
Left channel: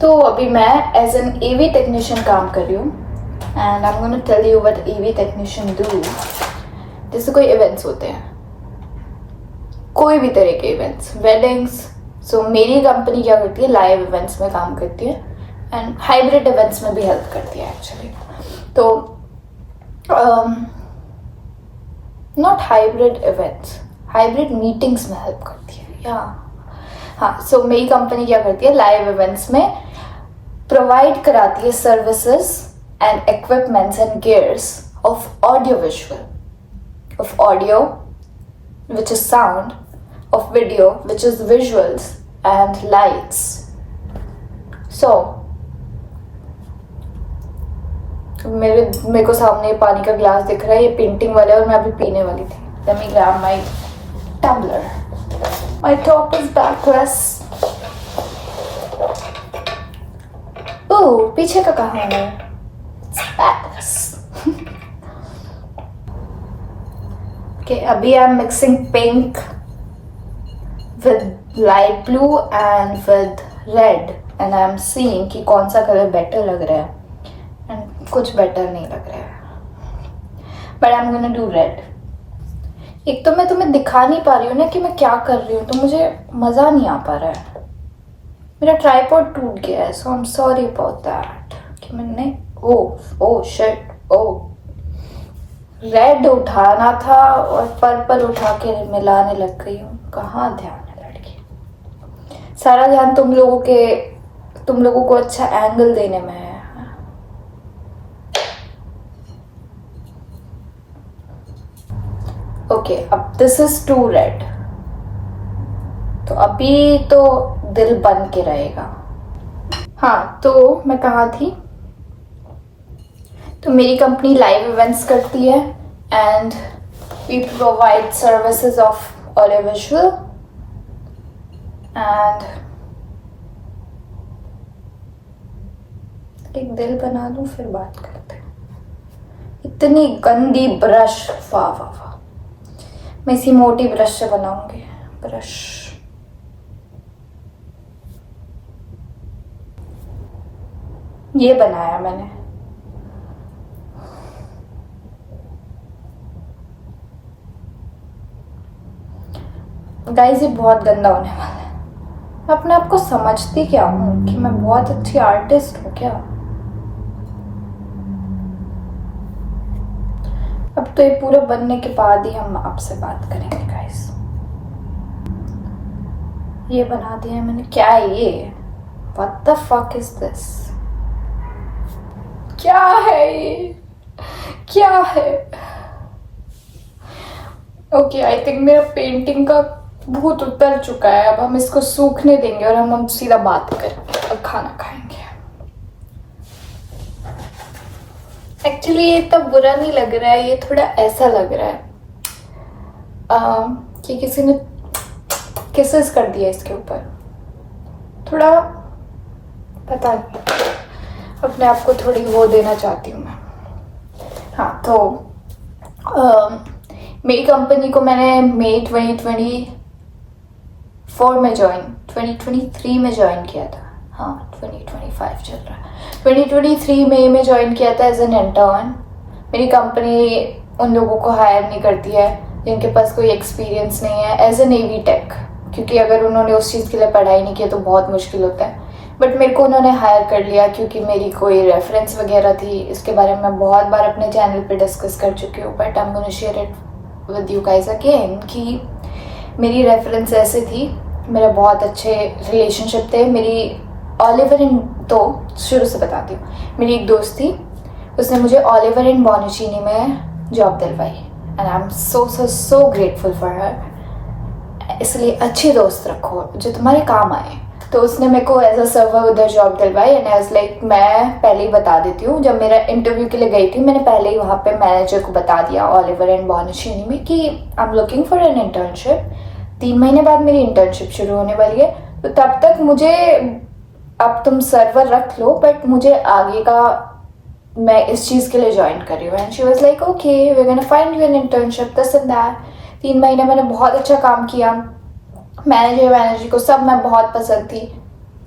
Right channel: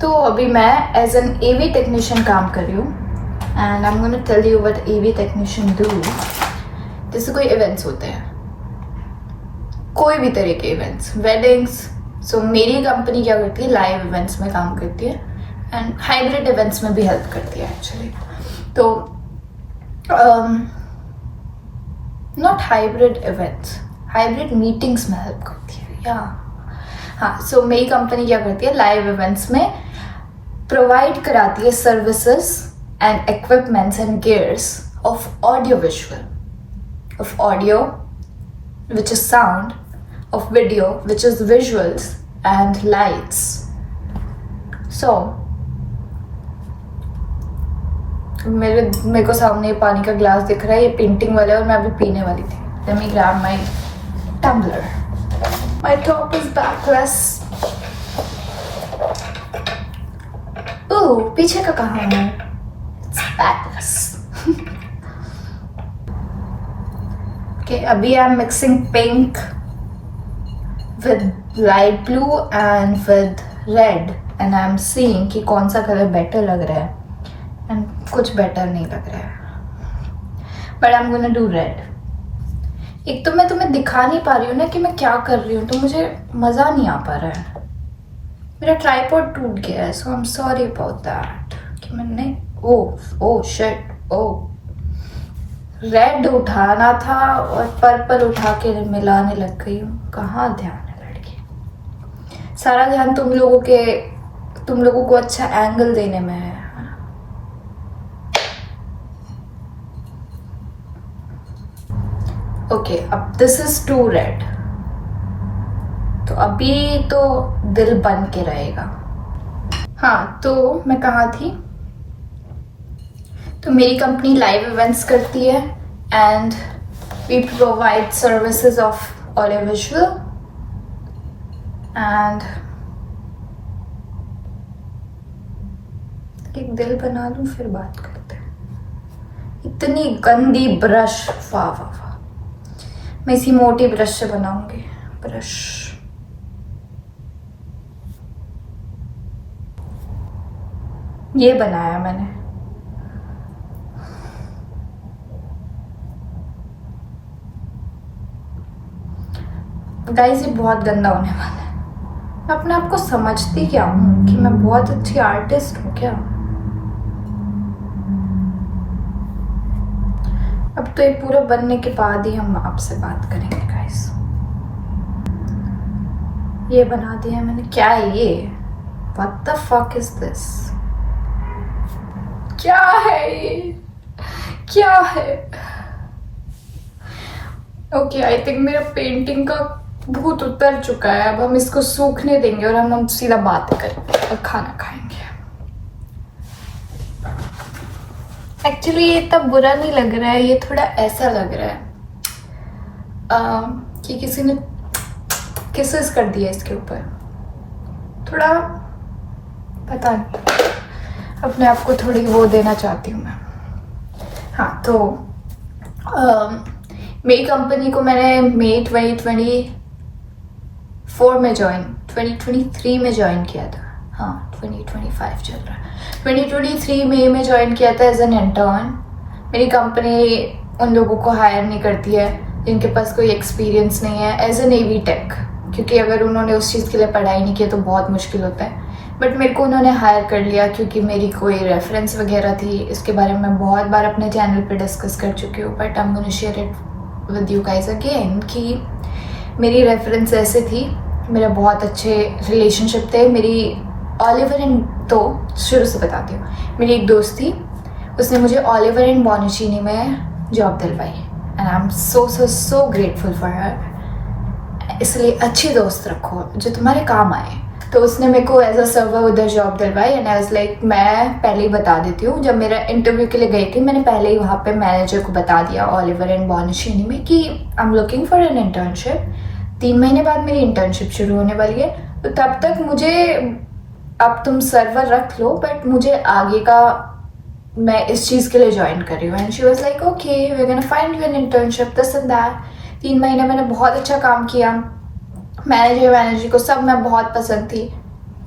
तो अभी मैं एज एन AV टेक्नीशियन काम कर रही हूँ. And I am gonna tell you what AV technician do. जैसे कोई इवेंट्स होते हैं, कोई भी तरह के इवेंट्स, वेडिंग्स. सो मेरी कंपनी क्या करती है, लाइव इवेंट्स में काम करती है एंड हाइब्रिड इवेंट्स में भी हेल्प करती है एक्चुअली. तो not hybrid events, hybrid meetings में हेल्प करती है. या हाँ, सो मेरी कंपनी क्या करती है, लाइव इवेंट्स में प्रोवाइड कराती है services and equipments and gears of audio visual, of audio which is sound, of video which is visuals and lights. So मेरे को सामने पानी का ग्लास दिख रहा है, ये पेंटिंग वाला है और मैं अभी पीने वाली थी. Let me grab my tumbler. My top is backless. ओह, पीछे का कहाँ है? It's backless. Okay, अभी I'm mixing pink with light blue and with red and I'm seeing कि कौन सा कलर better लग रहा है and कुछ better नहीं लग रहा है. But I'm gonna do red. एक तो मैं तुम्हें दिखा नहीं पा रही हूँ ना कि मैं क्या कर रही हूँ, तो मुझे मज़ा नहीं आ पा रहा है. मेरा ट्राइपॉड टूट गया है, so I'm sorry about that. कि मैंने oh shit, रेड उठाना था और पर्पल उठा के मिलाने लग गई हूँ. कहाँ ध्यान है लड़की. सारा ध्यान तुम लोगों को अच्छा एंगल देने में है. ओके, अब दिस इज टू रेड. तो अभी तो दिल बन के रहेगा. हाँ, तो मैं कहाँ थी. तो मेरी कंपनी लाइव इवेंट्स करती है and we provide services of audio visual and एक दिल बना लूं फिर बात करते हैं. इतनी गंदी ब्रश, वाह वाह वाह. मैं इसी मोटी ब्रश से बनाऊंगी. ब्रश ये बनाया मैंने. गाइस, ये बहुत गंदा होने वाला है. मैं अपने आप को समझती क्या हूँ कि मैं बहुत अच्छी आर्टिस्ट हूँ क्या. अब तो ये पूरा बनने के बाद ही हम आपसे बात करेंगे गाइस. ये बना दिया है मैंने. क्या है ये? What the fuck is this? क्या है ये? क्या है? ओके, आई थिंक मेरा पेंटिंग का भूत उतर चुका है. अब हम इसको सूखने देंगे और हम सीधा बात करेंगे और खाना खाएंगे. एक्चुअली ये इतना बुरा नहीं लग रहा है, ये थोड़ा ऐसा लग रहा है कि किसी ने किसेस कर दिया इसके ऊपर. थोड़ा पता नहीं, अपने आप को थोड़ी वो देना चाहती हूँ मैं. हाँ, तो मेरी कंपनी को मैंने मई 2023 में ज्वाइन किया था. हाँ, 2025 चल रहा है. 2023 मई में ज्वाइन किया था एज एन इंटर्न. मेरी कंपनी उन लोगों को हायर नहीं करती है जिनके पास कोई एक्सपीरियंस नहीं है एज एन AV टेक, क्योंकि अगर उन्होंने उस चीज़ के लिए पढ़ाई नहीं की तो बहुत मुश्किल होता है. बट मेरे को उन्होंने हायर कर लिया क्योंकि मेरी कोई रेफरेंस वगैरह थी. इसके बारे में मैं बहुत बार अपने चैनल पे डिस्कस कर चुकी हूँ, but I am gonna share it with you guys again कि मेरी रेफरेंस ऐसे थी. मेरे बहुत अच्छे रिलेशनशिप थे. मेरी ऑलिवर एंड, तो शुरू से बताती हूँ, मेरी एक दोस्त थी, उसने मुझे ऑलिवर एंड बॉनिचीनी में जॉब दिलवाई and I am so so so grateful for हर। इसलिए अच्छी दोस्त रखो जो तुम्हारे काम आए। तो उसने मेरे को एज अ सर्वर उधर जॉब दिलवाई एंड आई वाज लाइक, मैं पहले ही बता देती हूँ, जब मेरा इंटरव्यू के लिए गई थी मैंने पहले ही वहाँ पे मैनेजर को बता दिया ऑलिवर एंड बॉनिचीनी में कि I am looking for an internship. 3 महीने बाद मेरी इंटर्नशिप शुरू होने वाली है, तो तब तक मुझे, अब तुम सर्वर रख लो बट मुझे आगे का, मैं इस चीज़ के लिए ज्वाइन कर रही हूँ। And she was like okay we are gonna find you an internship this and that. 3 महीने मैंने बहुत अच्छा काम किया, मैनेजर को सब मैं बहुत पसंद थी,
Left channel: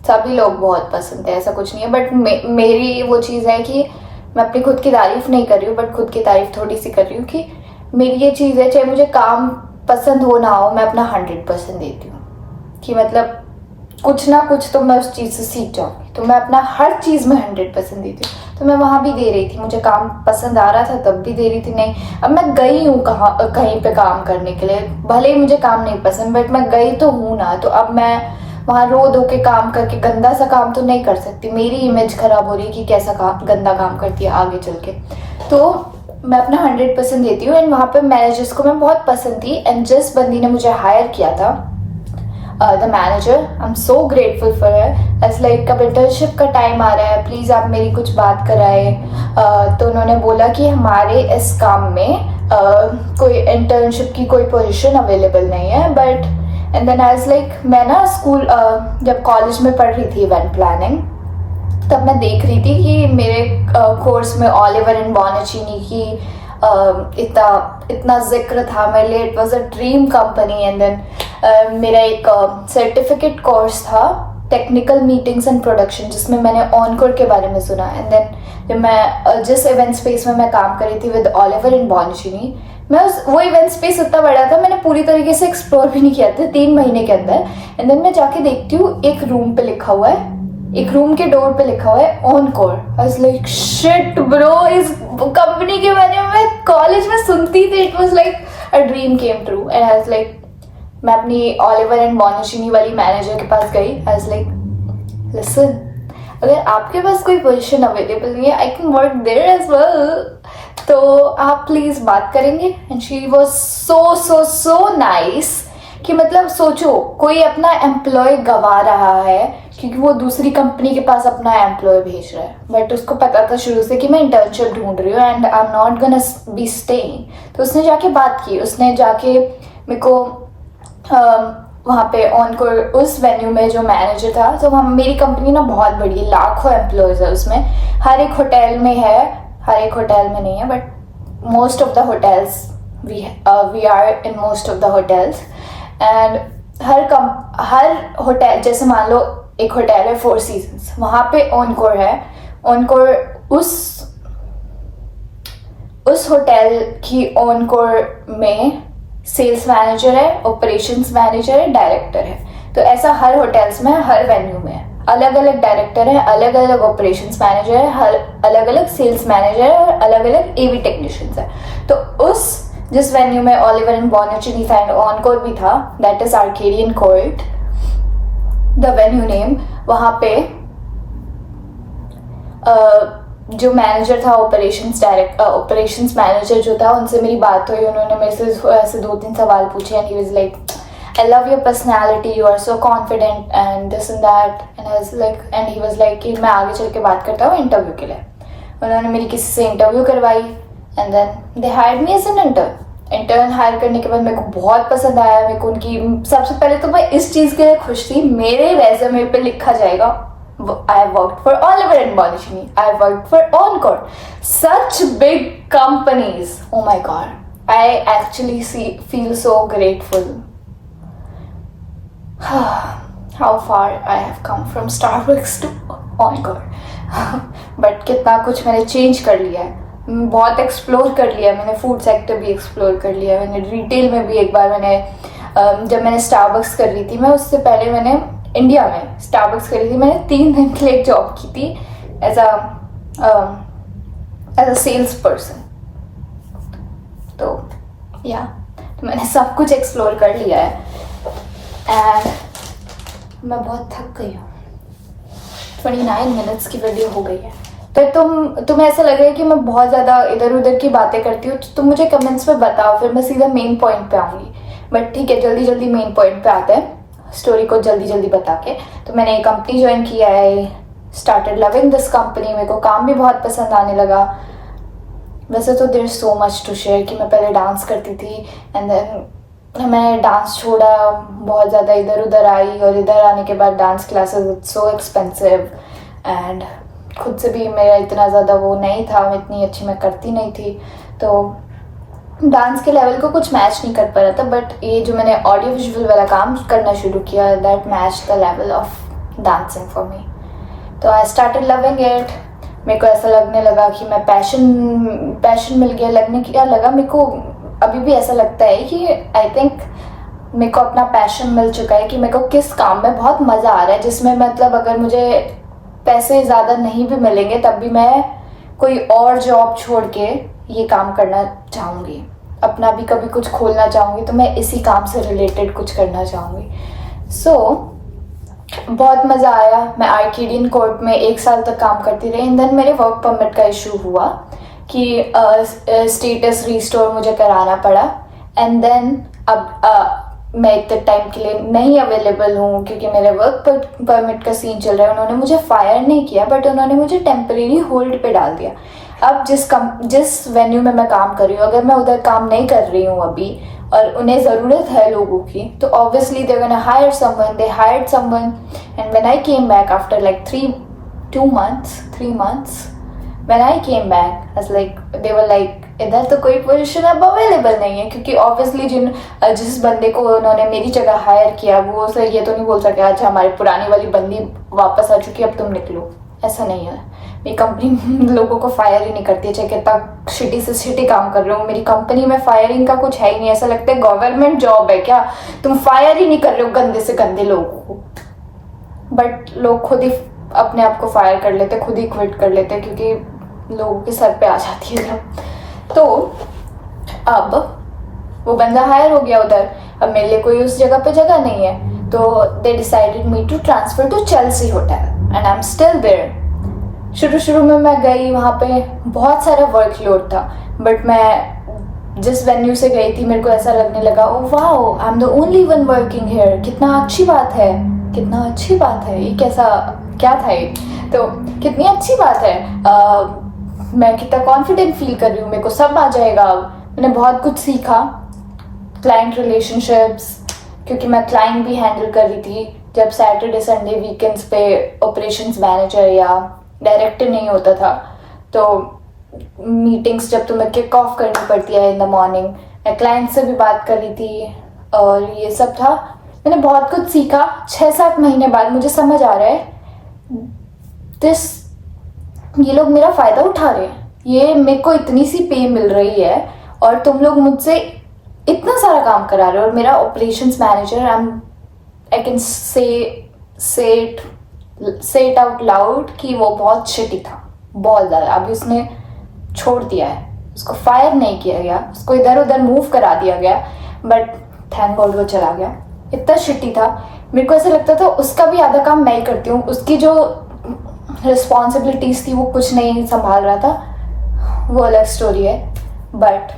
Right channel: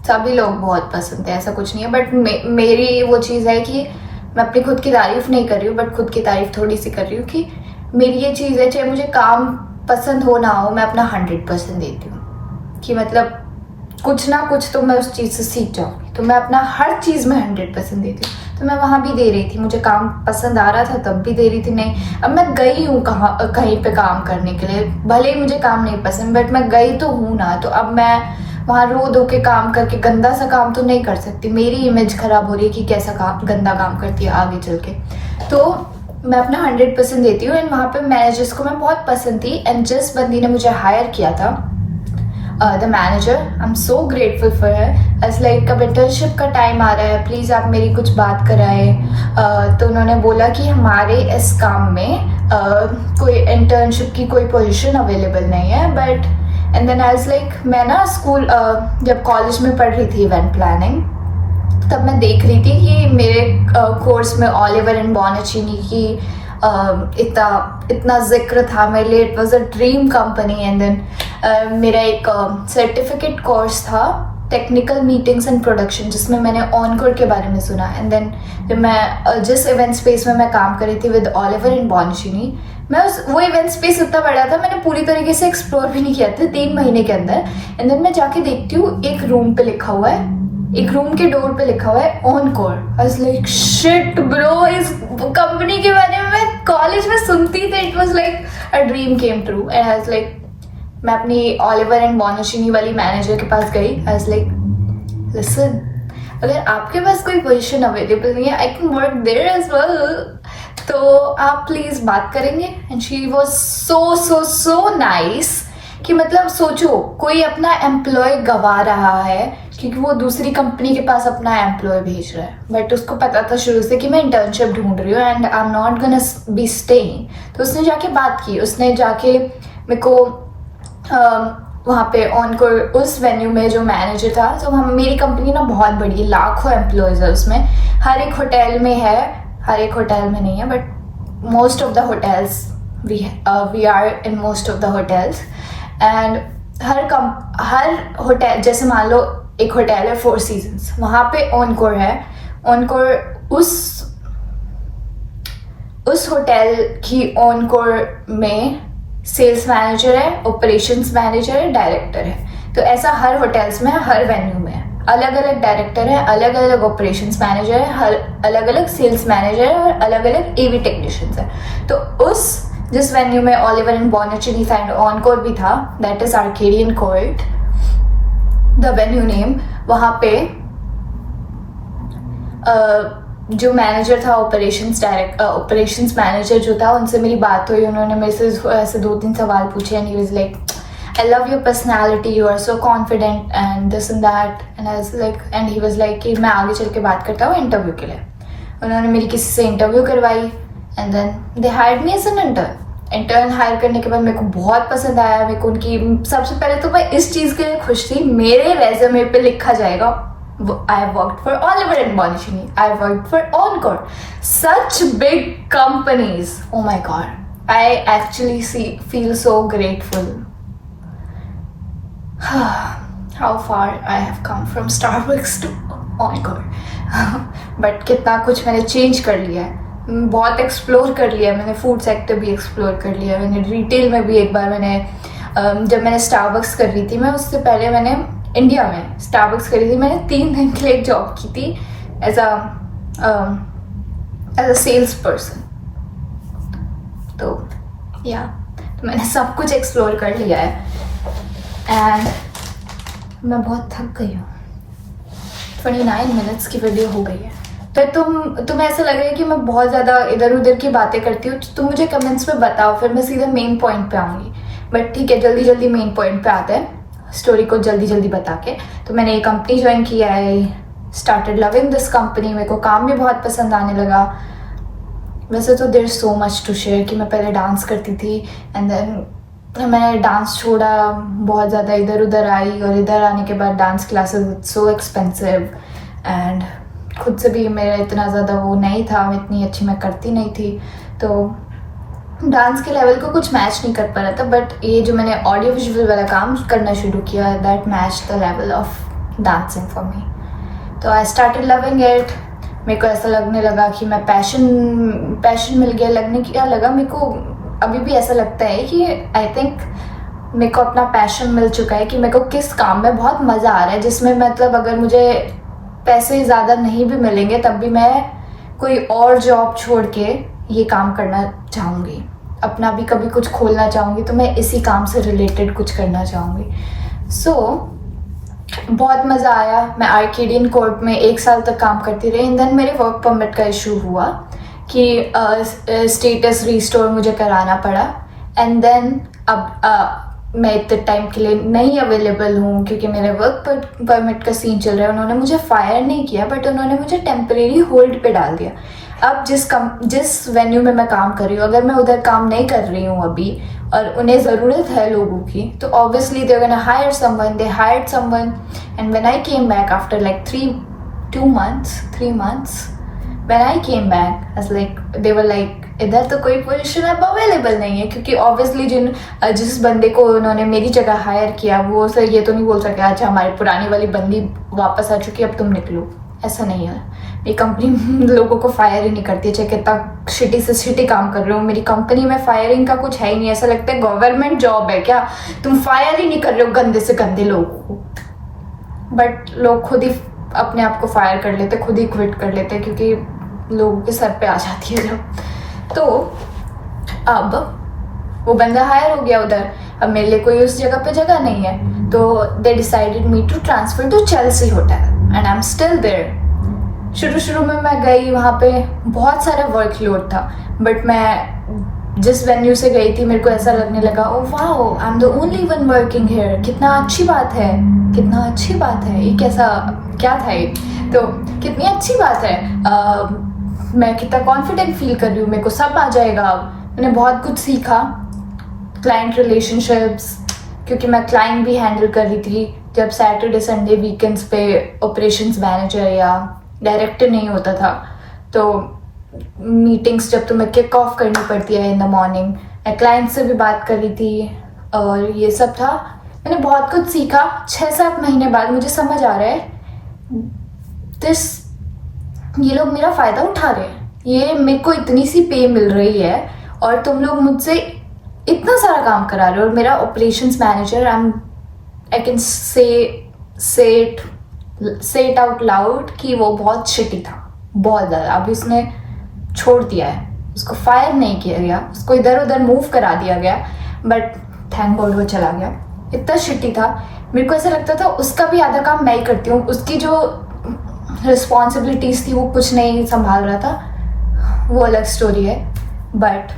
सभी लोग बहुत पसंद थे, ऐसा कुछ नहीं है। बट मेरी वो चीज़ है कि मैं अपनी खुद की तारीफ नहीं कर रही हूँ, बट खुद की तारीफ थोड़ी सी कर रही हूँ कि मेरी ये चीज़ है, चाहे मुझे काम पसंद हो ना हो, मैं अपना 100% देती हूँ कि मतलब कुछ ना कुछ तो मैं उस चीज़ से सीख जाऊँगी। तो मैं अपना हर चीज़ में 100% देती हूँ। तो मैं वहाँ भी दे रही थी, मुझे काम पसंद आ रहा था तब भी दे रही थी। नहीं, अब मैं गई हूँ कहीं पे काम करने के लिए, भले ही मुझे काम नहीं पसंद बट मैं गई तो हूँ ना, तो अब मैं वहाँ रो धो के काम करके गंदा सा काम तो नहीं कर सकती। मेरी इमेज खराब हो रही है कि कैसा काम, गंदा काम करती है आगे चल के। तो मैं अपना 100% देती हूँ एंड वहाँ पे मैनेजर्स को मैं बहुत पसंद थी। एंड जिस बंदी ने मुझे हायर किया था, the manager, I am so grateful for her. As like अब इंटर्नशिप का टाइम आ रहा है, प्लीज़ आप मेरी कुछ बात कराएं। तो उन्होंने बोला कि हमारे इस काम में कोई इंटर्नशिप की कोई पोजीशन अवेलेबल नहीं है, but and then I was like, मैं ना स्कूल जब कॉलेज में पढ़ रही थी इवेंट प्लानिंग, तब मैं देख रही थी कि मेरे कोर्स में ऑलिवर एंड बॉनिचीनी की इतना जिक्र था मेरे लिए, it was a dream company. And then मेरा एक सर्टिफिकेट कोर्स था टेक्निकल मीटिंग्स एंड प्रोडक्शन, जिसमें मैंने ऑनकोर के बारे में सुना। एंड देन जब मैं जिस इवेंट स्पेस में मैं काम कर रही थी विद ऑलिवर एंड बॉनिचीनी, मैं वो इवेंट स्पेस इतना बड़ा था, मैंने पूरी तरीके से एक्सप्लोर भी नहीं किया था 3 महीने के अंदर। एंड देन मैं जाके देखती हूँ एक रूम पे लिखा हुआ है, एक रूम के डोर पे लिखा हुआ है encore. I was like shit bro, इस कंपनी के बारे में मैं कॉलेज में सुनती थी, it was like a dream came true. And I was like, मैं अपनी ऑलिवर एंड बॉनिचीनी वाली मैनेजर के पास गई। आई वाज लाइक, लिसन, अगर आपके पास कोई पोजीशन अवेलेबल नहीं है, I can work there as well, तो आप प्लीज बात करेंगे। And she was so so so nice कि मतलब सोचो, कोई अपना एम्प्लॉय गवा रहा है क्योंकि वो दूसरी कंपनी के पास अपना एम्प्लॉय भेज रहा है, बट उसको पता था शुरू से कि मैं इंटर्नशिप ढूंढ रही हूँ and I am not gonna be staying. तो उसने जाके बात की, उसने जाके मेरे को वहाँ पे ऑनकोर उस वेन्यू में जो मैनेजर था, तो हम, मेरी कंपनी ना बहुत बड़ी है, लाखों एम्प्लॉयज़ है उसमें, हर एक होटल में है, हर एक होटल में नहीं है but most of the hotels we are in most of the hotels. And हर होटल, जैसे मान लो एक होटल है 4 सीजन्स, वहाँ पे ऑनकोर है। ऑनकोर उस होटल की ऑनकोर में सेल्स मैनेजर है, ऑपरेशंस मैनेजर है, डायरेक्टर है। तो ऐसा हर होटल्स में, हर वेन्यू में अलग अलग डायरेक्टर है, अलग अलग ऑपरेशंस मैनेजर है, अलग अलग सेल्स मैनेजर है और अलग अलग एवी टेक्नीशियंस है। तो जिस वेन्यू में ऑलिवर एंड बॉनिचीनी साइड ऑनकोर भी था, that is Arcadian court the venue name, वहाँ पे जो मैनेजर था, ऑपरेशंस मैनेजर जो था, उनसे मेरी बात हुई। उन्होंने मेरे से ऐसे 2-3 सवाल पूछे and he was like, I love your personality, you are so confident and this and that. And I was like, and he was like कि मैं आगे चल के बात करता हूँ इंटरव्यू के लिए। उन्होंने मेरी किसी से इंटरव्यू करवाई and then they hired me as an intern hire करने के बाद मेरे को बहुत पसंद आया। मेरे को उनकी, सबसे पहले तो मैं इस चीज़ के लिए खुश थी, मेरे रेज्यूमे पे लिखा जाएगा I have worked for Oliver and Bonachini. I have worked for Encore. Such big companies. Oh my god. I actually feel so grateful. How far I have come from Starbucks to Encore. But कितना कुछ मैंने change कर लिया है, बहुत explore कर लिया मैंने, फूड सेक्टर भी एक्सप्लोर कर लिया मैंने, रिटेल में भी एक बार मैंने, जब मैंने स्टारबक्स कर रही थी, मैं उससे पहले मैंने इंडिया में स्टारबक्स करी थी। मैंने 3 दिन के लिए जॉब की थी एज अ सेल्स पर्सन। तो मैंने सब कुछ एक्सप्लोर कर लिया है एंड मैं बहुत थक गई हूँ। 29 मिनट्स की वीडियो हो गई है। तो तुम्हें ऐसा लग रहा है कि मैं बहुत ज़्यादा इधर उधर की बातें करती हूँ, तुम मुझे कमेंट्स में बताओ, फिर मैं सीधा मेन पॉइंट पे आऊँगी। बट ठीक है, जल्दी जल्दी मेन पॉइंट पे आते हैं, स्टोरी को जल्दी जल्दी बता के। तो मैंने ये कंपनी ज्वाइन किया है, स्टार्टेड लविंग दिस कंपनी, मेरे को काम भी बहुत पसंद आने लगा। वैसे तो there so much to share कि मैं पहले डांस करती थी एंड देन मैंने डांस छोड़ा, बहुत ज़्यादा इधर उधर आई, और इधर आने के बाद dance classes it's so expensive and खुद से भी मेरा इतना ज़्यादा वो नहीं था, मैं इतनी अच्छी मैं करती नहीं थी, तो डांस के लेवल को कुछ मैच नहीं कर पा रहा था। बट ये जो मैंने ऑडियो विजुअल वाला काम करना शुरू किया, that match the level of dancing for me. तो आई स्टार्टेड लविंग इट। मेरे को ऐसा लगने लगा कि मैं पैशन मिल गया, लगने क्या लगा मेरे को, अभी भी ऐसा लगता है कि आई थिंक मेरे को अपना पैशन मिल चुका है कि मेरे को किस काम में बहुत मज़ा आ रहा है, जिसमें मतलब अगर मुझे पैसे ज़्यादा नहीं भी मिलेंगे तब भी मैं कोई और जॉब छोड़ के ये काम करना चाहूँगी, अपना भी कभी कुछ खोलना चाहूँगी, तो मैं इसी काम से रिलेटेड कुछ करना चाहूँगी। सो बहुत मज़ा आया। मैं आर्केडियन कोर्ट में 1 साल तक काम करती रही। एंड देन मेरे वर्क परमिट का इशू हुआ कि स्टेटस रिस्टोर मुझे कराना पड़ा। एंड देन अब मैं इतने टाइम के लिए नहीं अवेलेबल हूँ क्योंकि मेरे वर्क परमिट का सीन चल रहा है। उन्होंने मुझे फायर नहीं किया बट उन्होंने मुझे टेम्परेरी होल्ड पे डाल दिया। अब जिस वेन्यू में मैं काम कर रही हूँ, अगर मैं उधर काम नहीं कर रही हूँ अभी और उन्हें ज़रूरत है लोगों की, तो obviously they gonna hire someone. They hired someone and when I came back after like 3 months when I came back as like they were like इधर तो कोई पोजीशन अब अवेलेबल नहीं है, क्योंकि ऑब्वियसली जिस बंदे को उन्होंने मेरी जगह हायर किया वो सर ये तो नहीं बोल सके अच्छा हमारी पुरानी वाली बंदी वापस आ चुकी है अब तुम निकलो। ऐसा नहीं है, मेरी कंपनी लोगों को फायर ही नहीं करती है, चाहे कितना शिटी से शिटी काम कर रहे हो। मेरी कंपनी में फायरिंग का कुछ है ही नहीं। ऐसा लगता है गवर्नमेंट जॉब है क्या, तुम फायर ही नहीं कर रहे हो गंदे से गंदे लोगों को। बट लोग खुद ही अपने आप को फायर कर लेते, खुद ही क्विट कर लेते, क्योंकि लोगों के सर पे आ जाती है जब। तो अब वो बंदा हायर हो गया उधर, अब मेरे लिए कोई उस जगह पे जगह नहीं है, तो they decided me to transfer to Chelsea hotel and I am still there. शुरू में मैं गई, वहाँ पे बहुत सारा वर्कलोड था, बट मैं जिस वेन्यू से गई थी मेरे को ऐसा लगने लगा oh wow I am the only one working here, कितना अच्छी बात है, कितना अच्छी बात है, ये कैसा क्या था ये, तो कितनी अच्छी बात है। मैं कितना कॉन्फिडेंट फील कर रही हूँ, मेरे को सब आ जाएगा। मैंने बहुत कुछ सीखा, क्लाइंट रिलेशनशिप्स, क्योंकि मैं क्लाइंट भी हैंडल कर रही थी। जब सैटरडे संडे वीकेंड्स पे ऑपरेशंस मैनेजर या डायरेक्टर नहीं होता था, तो मीटिंग्स जब तुम्हें किक ऑफ करनी पड़ती है इन द मॉर्निंग, मैं क्लाइंट से भी बात कर रही थी और ये सब था। मैंने बहुत कुछ सीखा। 6-7 महीने बाद मुझे समझ आ रहा है ये लोग मेरा फ़ायदा उठा रहे हैं, ये मेरे को इतनी सी पे मिल रही है और तुम लोग मुझसे इतना सारा काम करा रहे हो। और मेरा operations manager I can say it out loud कि वो बहुत शिटी था, बहुत ज़्यादा। अभी उसने छोड़ दिया है, उसको फायर नहीं किया गया, उसको इधर उधर मूव करा दिया गया, बट थैंक गॉड वो चला गया। इतना शिटी था, मेरे को ऐसा लगता था उसका भी आधा काम मैं ही करती हूँ, उसकी जो रिस्पॉन्सिबिलिटीज थी वो कुछ नहीं संभाल रहा था, वो अलग स्टोरी है। बट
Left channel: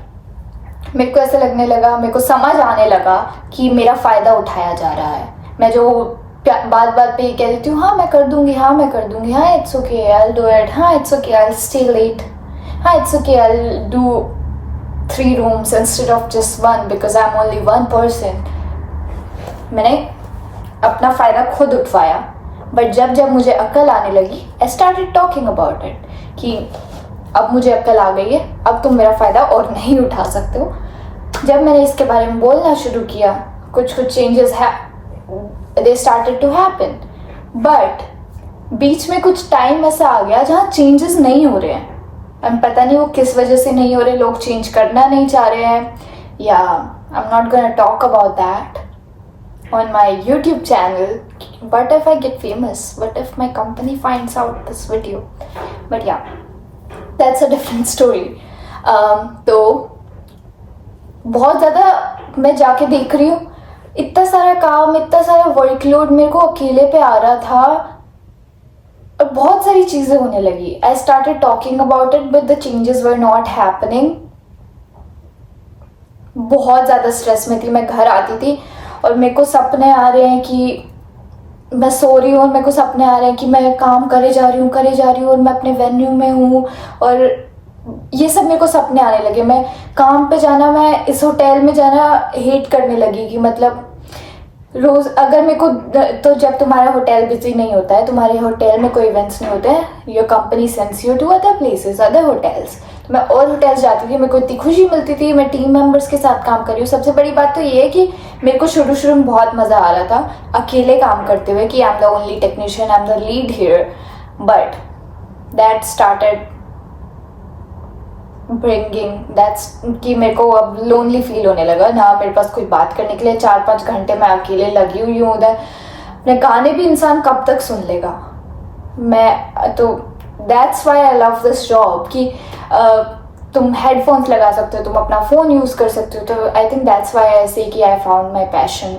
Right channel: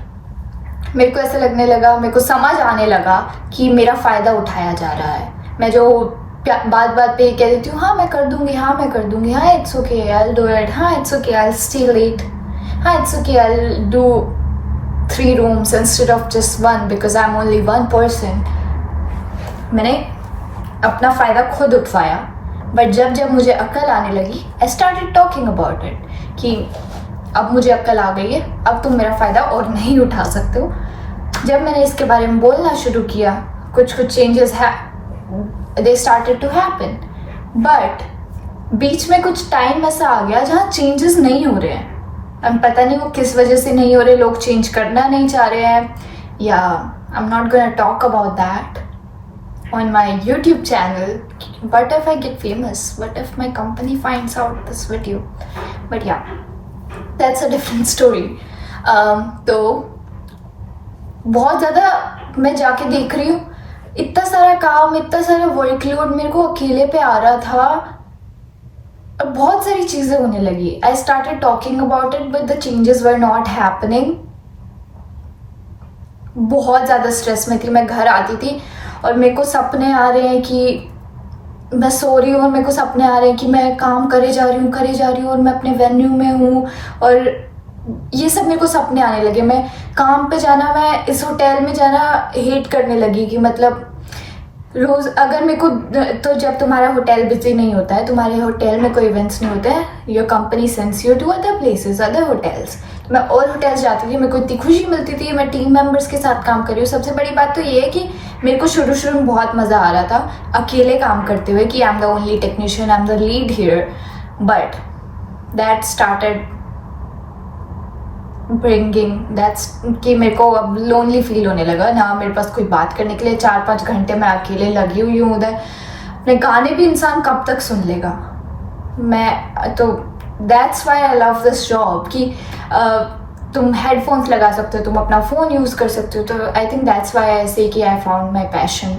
मेरे को ऐसा लगने लगा, मेरे को समझ आने लगा कि मेरा फ़ायदा उठाया जा रहा है। मैं जो बात पे कह देती हूँ हाँ मैं कर दूंगी, हाँ मैं कर दूंगी, हाँ it's okay I will do it, हाँ it's okay I will stay late, हाँ it's okay I will do 3 rooms instead of just 1 because I'm only 1 person। मैंने अपना फ़ायदा खुद उठवाया। बट जब मुझे अक्ल आने लगी, I started talking about it कि अब मुझे अक्ल आ गई है, अब तुम मेरा फ़ायदा और नहीं उठा सकते हो। जब मैंने इसके बारे में बोलना शुरू किया, कुछ changes they started to happen. But बीच में कुछ टाइम ऐसा आ गया जहाँ चेंजेस नहीं हो रहे हैं। अब पता नहीं वो किस वजह से नहीं हो रहे, लोग चेंज करना नहीं चाह रहे हैं, या आई am not gonna talk about that on my YouTube channel. What if I get famous? What if my company finds out this video? But yeah, that's a different story. तो बहुत ज़्यादा मैं जाके देख रही हूँ, इतना सारा काम, इतना सारा वर्कलोड मेरे को अकेले पे आ रहा था। और बहुत सारी चीज़ें होने लगी. I started talking about it but the changes were not happening. बहुत ज़्यादा स्ट्रेस में थी. मैं घर आती थी और मेरे को सपने आ रहे हैं कि मैं सो रही हूँ और मेरे को सपने आ रहे हैं कि मैं काम करे जा रही हूँ और मैं अपने वेन्यू में हूँ, और ये सब मेरे को सपने आने लगे. मैं काम पे जाना, मैं इस होटल में जाना हेट करने लगी कि मतलब रोज अगर मेरे को, तो जब तुम्हारा होटल बिजी नहीं होता है, तुम्हारे होटल में कोई इवेंट्स नहीं होते हैं, your company sends you to other places, other hotels. तो मैं और होटल्स जाती थी, मेरे को इतनी खुशी मिलती थी. मैं टीम मेंबर्स के साथ काम कर रही हूँ. सबसे बड़ी बात तो ये है कि मेरे को शुरू में बहुत मज़ा आ रहा था अकेले काम करते हुए कि I am the only technician, I am the lead here. But that started bringing that's कि मेरे को अब लोनली फील होने लगा ना. मेरे पास कोई बात करने के लिए 4-5 घंटे मैं अकेले लगी हुई हूँ उधर. अपने गाने भी इंसान कब तक सुन लेगा. मैं तो that's why I love this job कि तुम हेडफोन्स लगा सकते हो, तुम अपना फ़ोन यूज़ कर सकते हो. तो आई थिंक दैट्स वाई आई से कि आई फाउंड माई पैशन.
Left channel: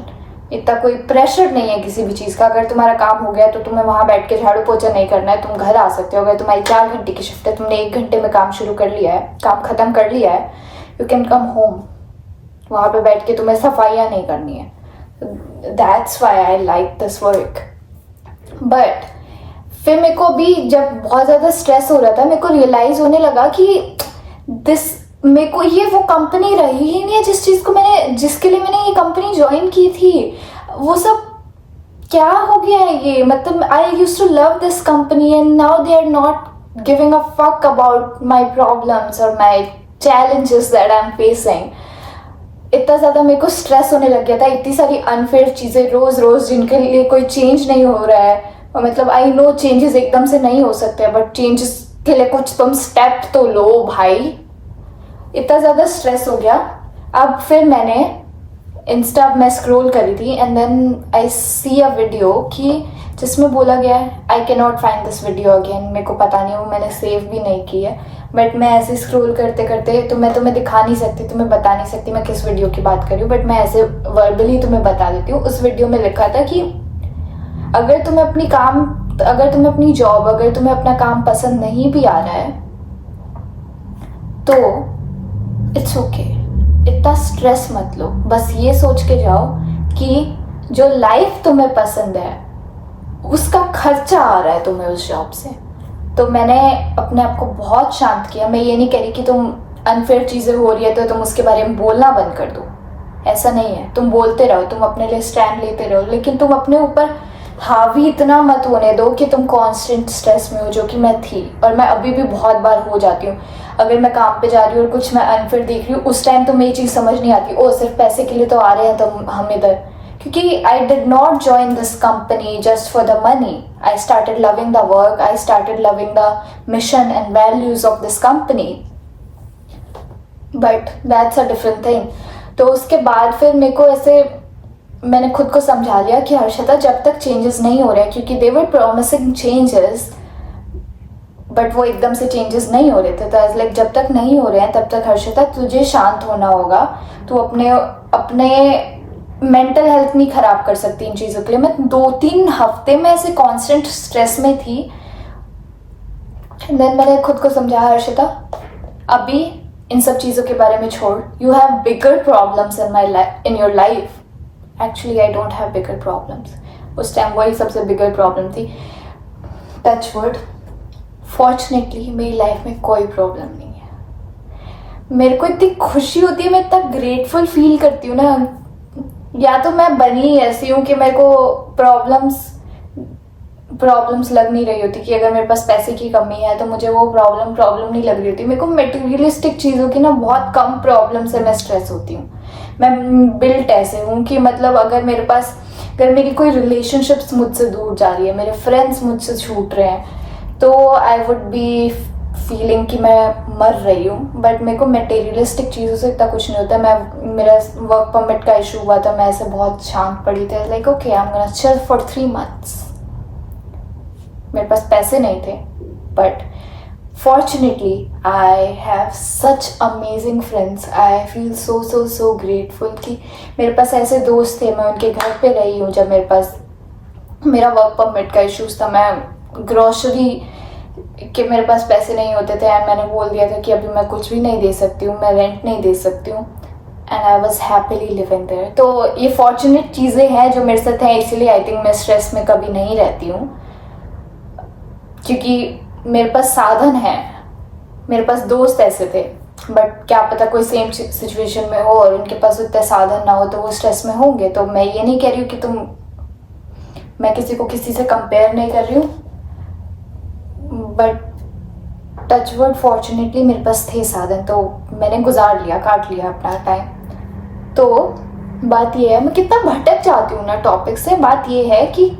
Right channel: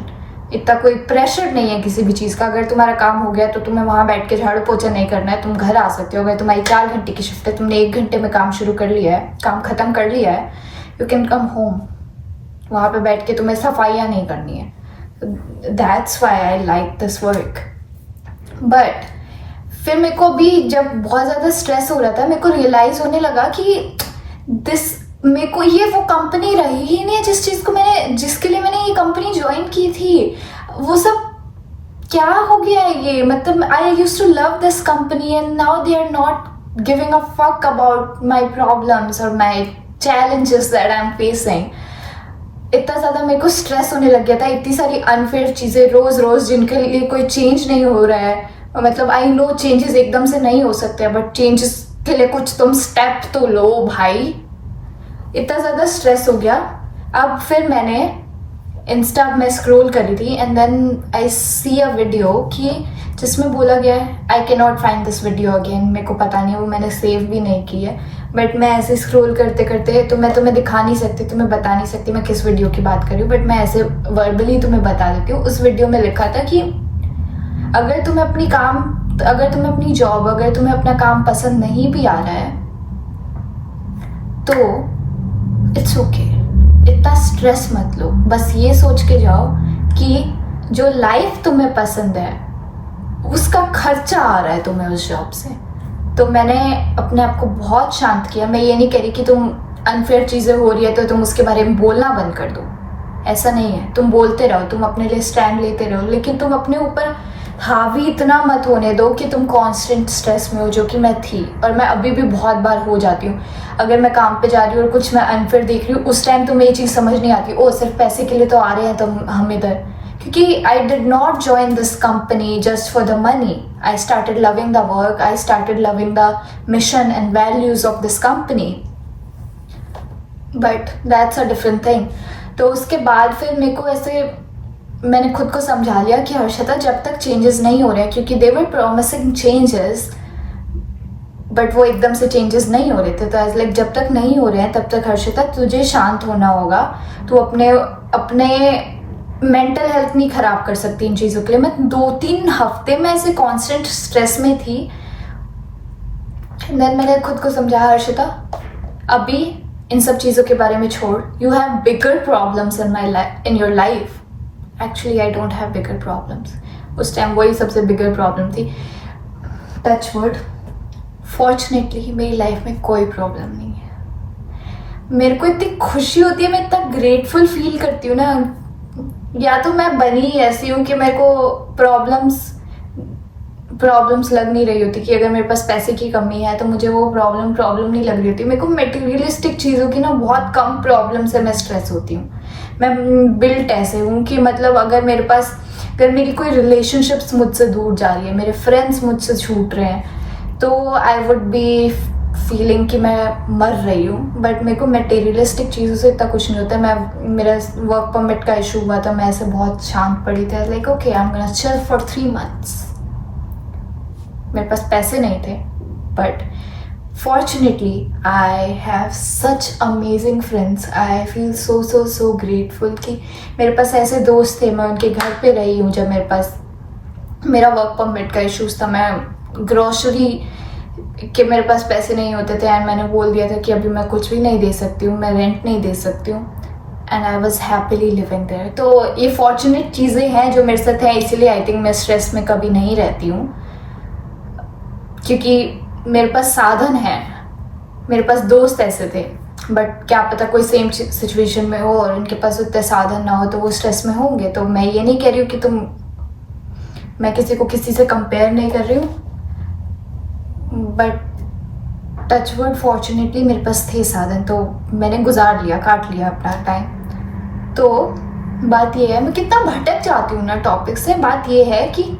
इतना कोई प्रेशर नहीं है किसी भी चीज़ का. अगर तुम्हारा काम हो गया तो तुम्हें वहाँ बैठ के झाड़ू पोछा नहीं करना है, तुम घर आ सकते हो. अगर तुम्हारी 4 घंटे की शिफ्ट है, तुमने 1 घंटे में काम शुरू कर लिया है, काम ख़त्म कर लिया है, यू कैन कम होम. वहाँ पे बैठ के तुम्हें सफाइयाँ नहीं करनी है. That's why I like this work. But फिर मेरे को अभी जब बहुत ज़्यादा स्ट्रेस हो रहा था, मेरे को रियलाइज़ होने लगा कि मेरे को ये वो कंपनी रही ही नहीं है जिसके लिए मैंने ये कंपनी ज्वाइन की थी. वो सब क्या हो गया है ये. मतलब I use to love this company and now they are not giving a fuck about my problems और my challenges that I am facing. इतना ज़्यादा मेरे को स्ट्रेस होने लग गया था. इतनी सारी अनफेयर चीज़ें रोज़ रोज़ जिनके लिए कोई चेंज नहीं हो रहा है. मतलब आई नो चेंजेस एकदम से नहीं हो सकते, बट चेंजेस के लिए कुछ तुम स्टेप तो लो भाई. इतना ज़्यादा स्ट्रेस हो गया. अब फिर मैंने इंस्टा में स्क्रॉल करी थी and then I see a video कि जिसमें बोला गया है, I can not find this video again. मेरे को पता नहीं, वो मैंने सेव भी नहीं की है. बट मैं ऐसे स्क्रॉल करते करते, तो मैं तुम्हें दिखा नहीं सकती, तुम्हें बता नहीं सकती मैं किस वीडियो की बात कर रही हूँ, बट मैं ऐसे वर्बली तुम्हें बता देती हूँ. उस वीडियो में लिखा था कि अगर तुम्हें अपनी जॉब, अगर तुम्हें अपना काम पसंद नहीं भी आ रहा है तो इट्स ओके. इतना स्ट्रेस मत लो. बस ये सोच के जाओ कि जो लाइफ तुम्हें पसंद है उसका खर्चा आ रहा है तुम्हें उस जॉब से. तो मैंने अपने आप को बहुत शांत किया. मैं ये नहीं कह रही कि तुम अनफेयर चीज़ें हो रही है तो तुम उसके बारे में बोलना बंद कर दो. ऐसा नहीं है. तुम बोलते रहो, तुम अपने लिए स्टैंड लेते रहो, लेकिन तुम अपने ऊपर हावी इतना मत होने दो कि तुम कांस्टेंट स्ट्रेस में हो, जो कि मैं थी और मैं अभी भी बहुत बार हो जाती हूँ. अगर मैं काम पे जा रही हूँ और कुछ मैं अनफेयर देख रही हूँ, उस टाइम तो ये चीज़ समझ नहीं आती, ओ सिर्फ पैसे के लिए तो आ रहे हैं तो हम इधर. क्योंकि I did not join this company just for the money. I started loving the work, I started loving the mission and values of this company. But that's a different thing. तो उसके बाद फिर मेरे को ऐसे, मैंने खुद को समझा लिया कि हर्षिता जब तक चेंजेस नहीं हो रहे हैं, क्योंकि दे वर प्रॉमिसिंग चेंजेस बट वो एकदम से चेंजेस नहीं हो रहे थे. तो एज लाइक जब तक नहीं हो रहे हैं तब तक हर्षिता तुझे शांत होना होगा. तू अपने मेंटल हेल्थ नहीं खराब कर सकती इन चीज़ों के लिए. मैं 2-3 हफ्ते में ऐसे कांस्टेंट स्ट्रेस में थी. देन मैंने खुद को समझाया, हर्षिता अभी इन सब चीज़ों के बारे में छोड़. You have bigger problems in your life. Actually I don't have bigger problems. उस टाइम वही सबसे बिगर प्रॉब्लम थी. टच वुड, फॉर्चुनेटली मेरी लाइफ में कोई प्रॉब्लम नहीं है. मेरे को इतनी खुशी होती है, मैं इतना ग्रेटफुल फील करती हूँ ना. या तो मैं बनी ऐसी हूँ कि मेरे को प्रॉब्लम्स लग नहीं रही होती, कि अगर मेरे पास पैसे की कमी है तो मुझे वो प्रॉब्लम नहीं लग रही होती. मेरे को मटेरियलिस्टिक चीज़ों की ना बहुत कम प्रॉब्लम से मैं स्ट्रेस होती हूँ. मैं बिल्ट ऐसे हूँ कि मतलब अगर मेरी कोई रिलेशनशिप्स मुझसे दूर जा रही है, मेरे फ्रेंड्स मुझसे छूट रहे हैं, तो आई वुड बी फीलिंग कि मैं मर रही हूँ. बट मेरे को मटेरियलिस्टिक चीज़ों से इतना कुछ नहीं होता. मेरा वर्क परमिट का इशू हुआ था, मैं ऐसे बहुत शांत पड़ी थी. Like okay, I am gonna chill for 3 months. मेरे पास पैसे नहीं थे, but fortunately I have such amazing friends. I feel so grateful कि मेरे पास ऐसे दोस्त थे. मैं उनके घर पे रही हूँ जब मेरे पास मेरा वर्क परमिट का इश्यूज था. मैं ग्रॉसरी के मेरे पास पैसे नहीं होते थे एंड मैंने बोल दिया था कि अभी मैं कुछ भी नहीं दे सकती हूँ, मैं रेंट नहीं दे सकती हूँ, and I was happily living there. तो ये फॉर्चुनेट चीज़ें हैं जो मेरे साथ हैं, इसीलिए आई थिंक मैं स्ट्रेस में कभी नहीं रहती हूँ, क्योंकि मेरे पास साधन है। मेरे पास दोस्त ऐसे थे, बट क्या पता कोई सेम सिचुएशन में हो और उनके पास उतने साधन ना हो तो वो स्ट्रेस में होंगे। तो मैं ये नहीं कह रही हूँ कि मैं किसी को किसी से कंपेयर नहीं कर रही हूँ, बट टचवुड फॉर्चुनेटली मेरे पास थे साधन, तो मैंने गुजार लिया, काट लिया अपना टाइम। तो बात ये है, मैं कितना भटक जाती हूँ ना टॉपिक से। बात ये है कि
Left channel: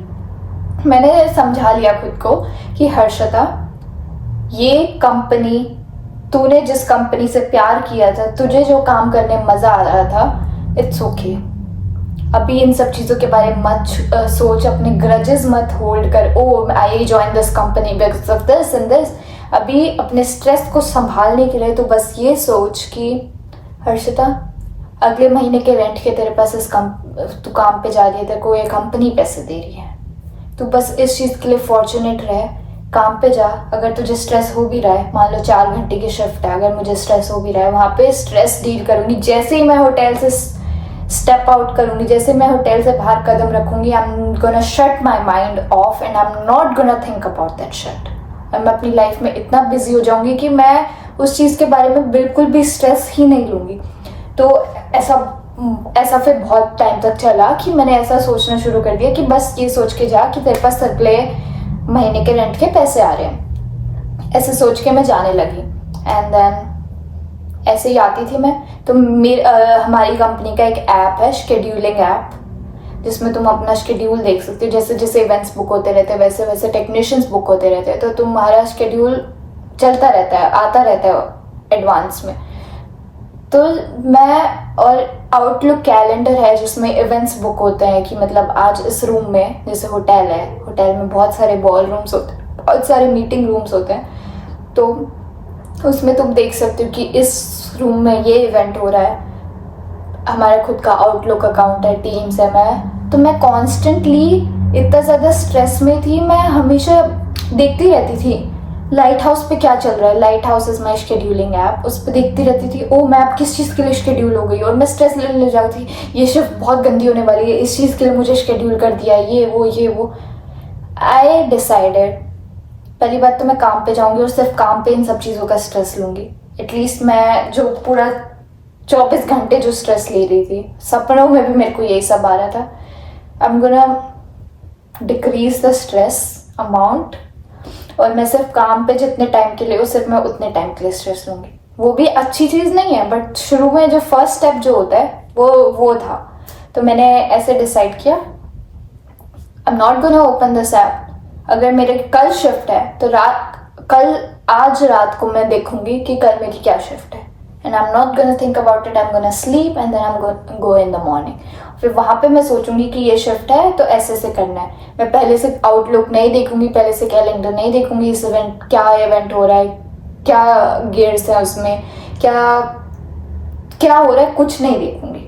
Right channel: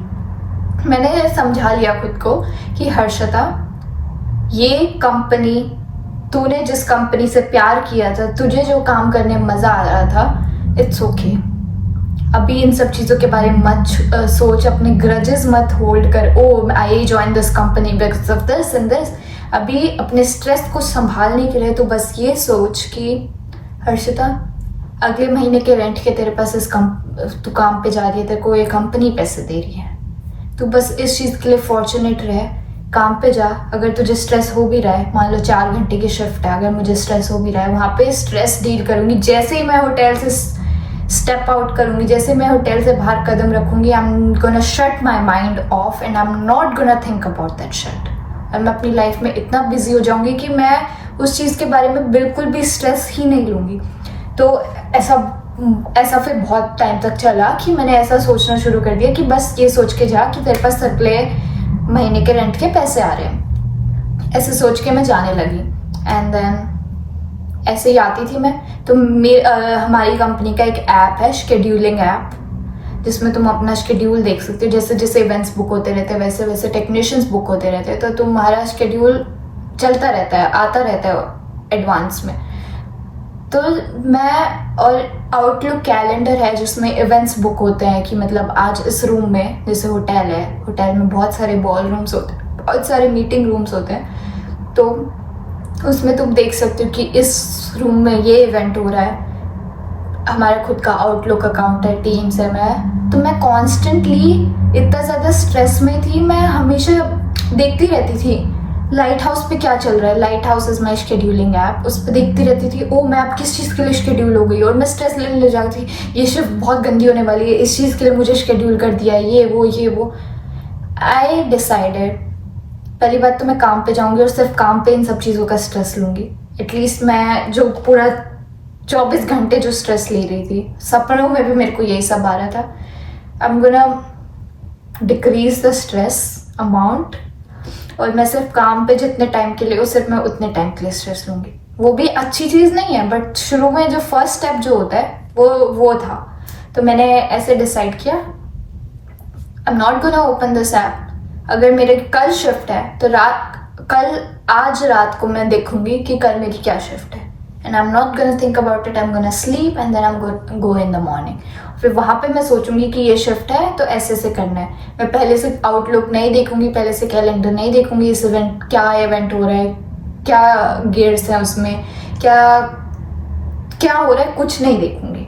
मैंने समझा लिया खुद को कि हर्षिता, ये कंपनी, तूने जिस कंपनी से प्यार किया था, तुझे जो काम करने में मजा आ रहा था, इट्स ओके। अभी इन सब चीज़ों के बारे में मत सोच, अपने ग्रजेस मत होल्ड कर, oh I join this company because of this and this. अभी अपने स्ट्रेस को संभालने के लिए तो बस ये सोच कि हर्षिता, अगले महीने के रेंट के तेरे पास तू काम पे जा रही है, तेरे को ये कंपनी पैसे दे रही है, तू बस इस चीज़ के लिए फॉर्चुनेट रहे, काम पे जा। अगर तुझे स्ट्रेस हो भी रहा है, मान लो 4 घंटे की शिफ्ट है, अगर मुझे स्ट्रेस हो भी रहा है, वहाँ पे स्ट्रेस डील करूँगी। जैसे ही मैं होटल से स्टेप आउट करूँगी, जैसे मैं होटल से बाहर कदम रखूँगी, आई am gonna shut my mind of and I am not gonna think about that shit. और मैं अपनी लाइफ में इतना बिजी हो जाऊँगी कि मैं उस चीज़ के बारे में बिल्कुल भी स्ट्रेस ही नहीं लूँगी। तो ऐसा फिर बहुत टाइम तक चला कि मैंने ऐसा सोचना शुरू कर दिया कि बस ये सोच के जा कि तेरे पास अगले महीने के रेंट के पैसे आ रहे हैं, ऐसे सोच के मैं जाने लगी। एंड देन ऐसे ही आती थी मैं। तो हमारी कंपनी का एक ऐप है, शेड्यूलिंग ऐप, जिसमें तुम अपना शेड्यूल देख सकते हो। जैसे जैसे इवेंट्स बुक होते रहते हैं, वैसे वैसे टेक्नीशियंस बुक होते रहते हैं, तो तुम्हारा शेड्यूल चलता रहता है, आता रहता है एडवांस में। तो मैं, और आउटलुक कैलेंडर है जिसमें इवेंट्स बुक होते हैं कि मतलब आज इस रूम में, जैसे होटल है, होटल में बहुत सारे बॉल रूम्स होते हैं, बहुत सारे मीटिंग रूम्स होते हैं, तो उसमें तुम देख सकते हो कि इस रूम में ये इवेंट हो रहा है। हमारा खुद का आउटलुक अकाउंट है, टीम्स है। तो मैं कॉन्स्टेंटली इतना ज़्यादा स्ट्रेस में थी, मैं हमेशा देखती रहती थी लाइट हाउस पे क्या चल रहा है। Light house is my scheduling app, उस पर देखती रहती थी, ओ मैं अब किस चीज़ के लिए शेड्यूल हो गई, और मैं स्ट्रेस लेने जाती थी, ये शिफ्ट बहुत गंदी होने वाली है, इस चीज़ के लिए मुझे शेड्यूल कर दिया है, ये वो। आई डिसाइडेड, पहली बात तो मैं काम पे जाऊंगी और सिर्फ काम पे इन सब चीज़ों का स्ट्रेस लूंगी। एटलीस्ट मैं जो पूरा 24 घंटे जो स्ट्रेस ले रही थी, सपनों में भी मेरे को यही सब आ रहा था, आई am gonna decrease the stress amount, और मैं सिर्फ काम पे जितने टाइम के लिए हो, सिर्फ मैं उतने टाइम के लिए स्ट्रेस लूंगी। वो भी अच्छी चीज़ नहीं है, बट शुरू में जो फर्स्ट स्टेप जो होता है वो था। तो मैंने ऐसे डिसाइड किया, आई am not gonna open this app. अगर मेरे कल शिफ्ट है तो आज रात को मैं देखूंगी कि कल मेरी क्या शिफ्ट है, and I am not gonna think about it, I am gonna sleep and then I am go in the morning. फिर वहाँ पे मैं सोचूंगी कि ये शिफ्ट है तो ऐसे करना है। मैं पहले से आउटलुक नहीं देखूंगी, पहले से कैलेंडर नहीं देखूंगी, इस इवेंट क्या इवेंट हो रहा है, क्या गेयर्स है उसमें, क्या हो रहा है, कुछ नहीं देखूंगी।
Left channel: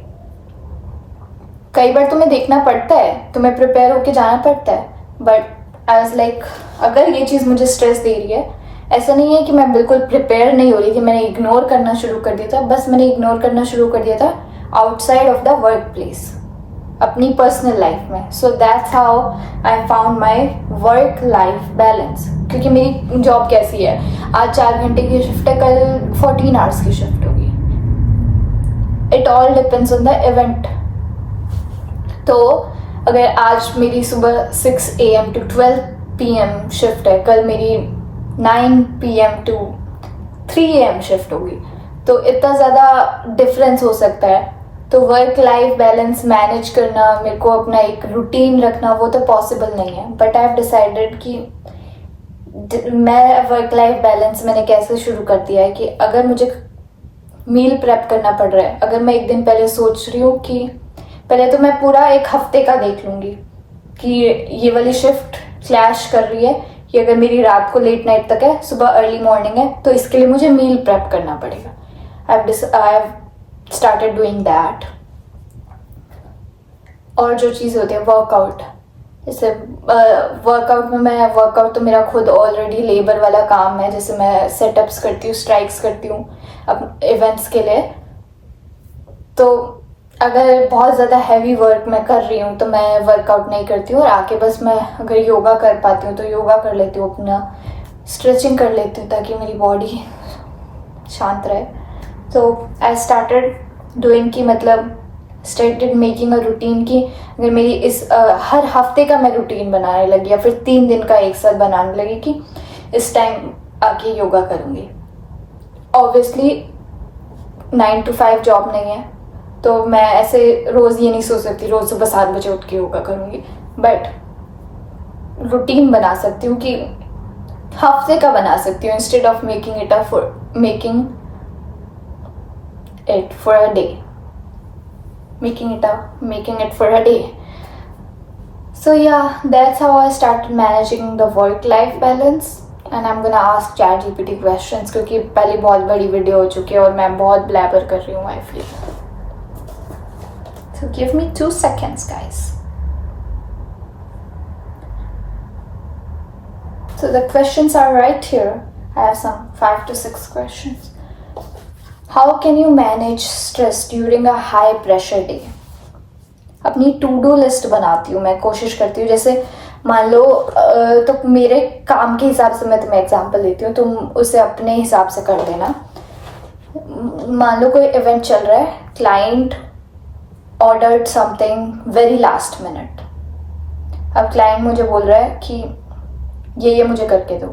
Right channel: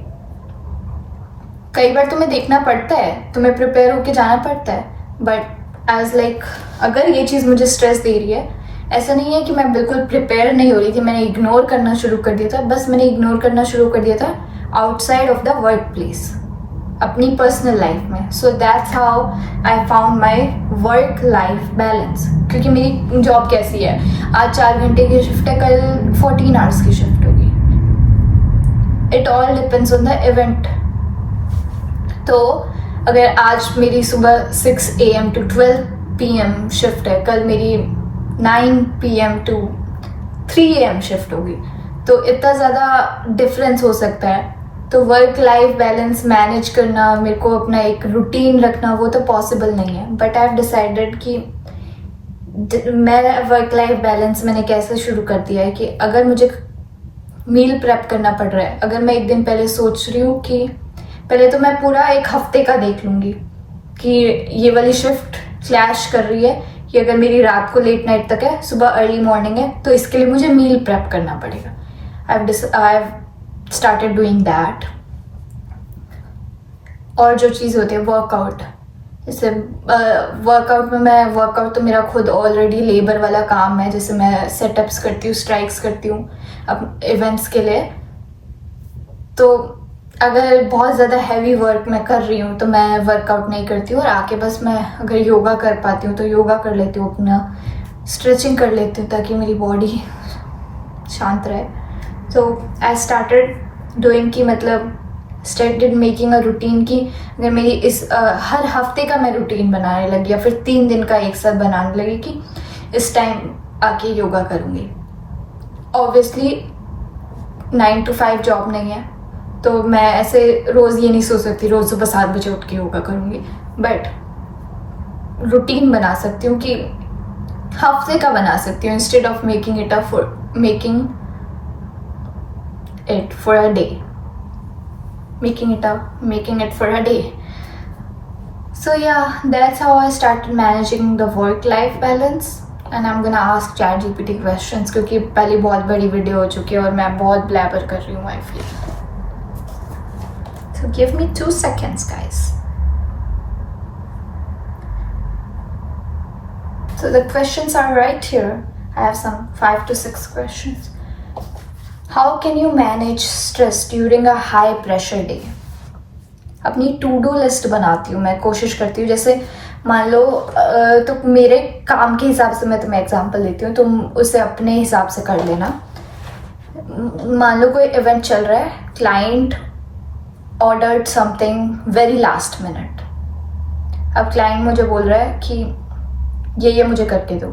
कई बार तुम्हें देखना पड़ता है, तुम्हें प्रिपेयर होके जाना पड़ता है, बट एज लाइक अगर ये चीज़ मुझे स्ट्रेस दे रही है, ऐसा नहीं है कि मैं बिल्कुल प्रिपेयर नहीं हो रही थी, मैंने इग्नोर करना शुरू कर दिया था। बस मैंने इग्नोर करना शुरू कर दिया था outside of the work place, अपनी पर्सनल लाइफ में। So that's how I found my work life balance. क्योंकि मेरी जॉब कैसी है, आज 4 घंटे की शिफ्ट है, कल 14 आवर्स की शिफ्ट होगी। It all depends on the event. तो अगर आज मेरी सुबह 6 AM to 12 PM शिफ्ट है, कल मेरी 9 PM to 3 AM शिफ्ट होगी, तो इतना ज़्यादा डिफरेंस हो सकता है। तो वर्क लाइफ बैलेंस मैनेज करना, मेरे को अपना एक रूटीन रखना, वो तो पॉसिबल नहीं है। बट आई हैव डिसाइडेड कि मैं वर्क लाइफ बैलेंस मैंने कैसे शुरू कर दिया है कि अगर मुझे मील प्रेप करना पड़ रहा है, अगर मैं एक दिन पहले सोच रही हूँ कि पहले तो मैं पूरा एक हफ्ते का देख लूँगी कि ये वाली शिफ्ट क्लैश कर रही है, कि अगर मेरी रात को लेट नाइट तक है, सुबह अर्ली मॉर्निंग है, तो इसके लिए मुझे मील प्रेप करना पड़ेगा। I have started doing that. और जो चीज़ होती है वर्कआउट, जैसे वर्कआउट में, मैं वर्कआउट तो मेरा खुद ऑलरेडी लेबर वाला काम है, जैसे मैं सेटअप्स करती हूँ, स्ट्राइक्स करती हूँ अब इवेंट्स के लिए। तो अगर बहुत ज़्यादा हैवी वर्क मैं कर रही हूँ तो मैं वर्कआउट नहीं करती हूँ, और आके बस मैं अगर योगा कर पाती हूँ तो योगा कर लेती हूँ, अपना स्ट्रेचिंग कर लेती हूँ ताकि मेरी बॉडी शांत रहे। तो आई स्टार्टेड डूइंग कि मतलब स्टार्टेड मेकिंग अ रूटीन की अगर मेरी इस हर हफ्ते का मैं रूटीन बनाने लगी, या फिर 3 दिन का एक साथ बनाने लगी कि इस टाइम आके योगा करूँगी। ऑब्वियसली 9 to 5 जॉब नहीं है, तो मैं ऐसे रोज़ ये नहीं सोच सकती रोज़ सुबह 7 बजे उठ के योगा करूँगी, बट रूटीन बना सकती हूँ कि हफ्ते का बना सकती हूँ, instead of making it for a day, making it for a day. So yeah, that's how I started managing the work-life balance. And I'm gonna ask ChatGPT questions क्योंकि पहले बहुत बड़ी वीडियो हो चुकी है और मैं बहुत ब्लैबर कर रही हूँ, I feel. So give me 2 seconds, guys. So the questions are right here. I have some 5 to 6 questions. How can you manage stress during a high pressure day? अपनी टू डू लिस्ट बनाती हूँ मैं, कोशिश करती हूँ, जैसे मान लो तो मेरे काम के हिसाब से मैं तुम्हें एग्जांपल देती हूँ, तुम उसे अपने हिसाब से कर लेना। मान लो कोई इवेंट चल रहा है, client ordered something very last minute. अब क्लाइंट मुझे बोल रहा है कि ये मुझे करके दो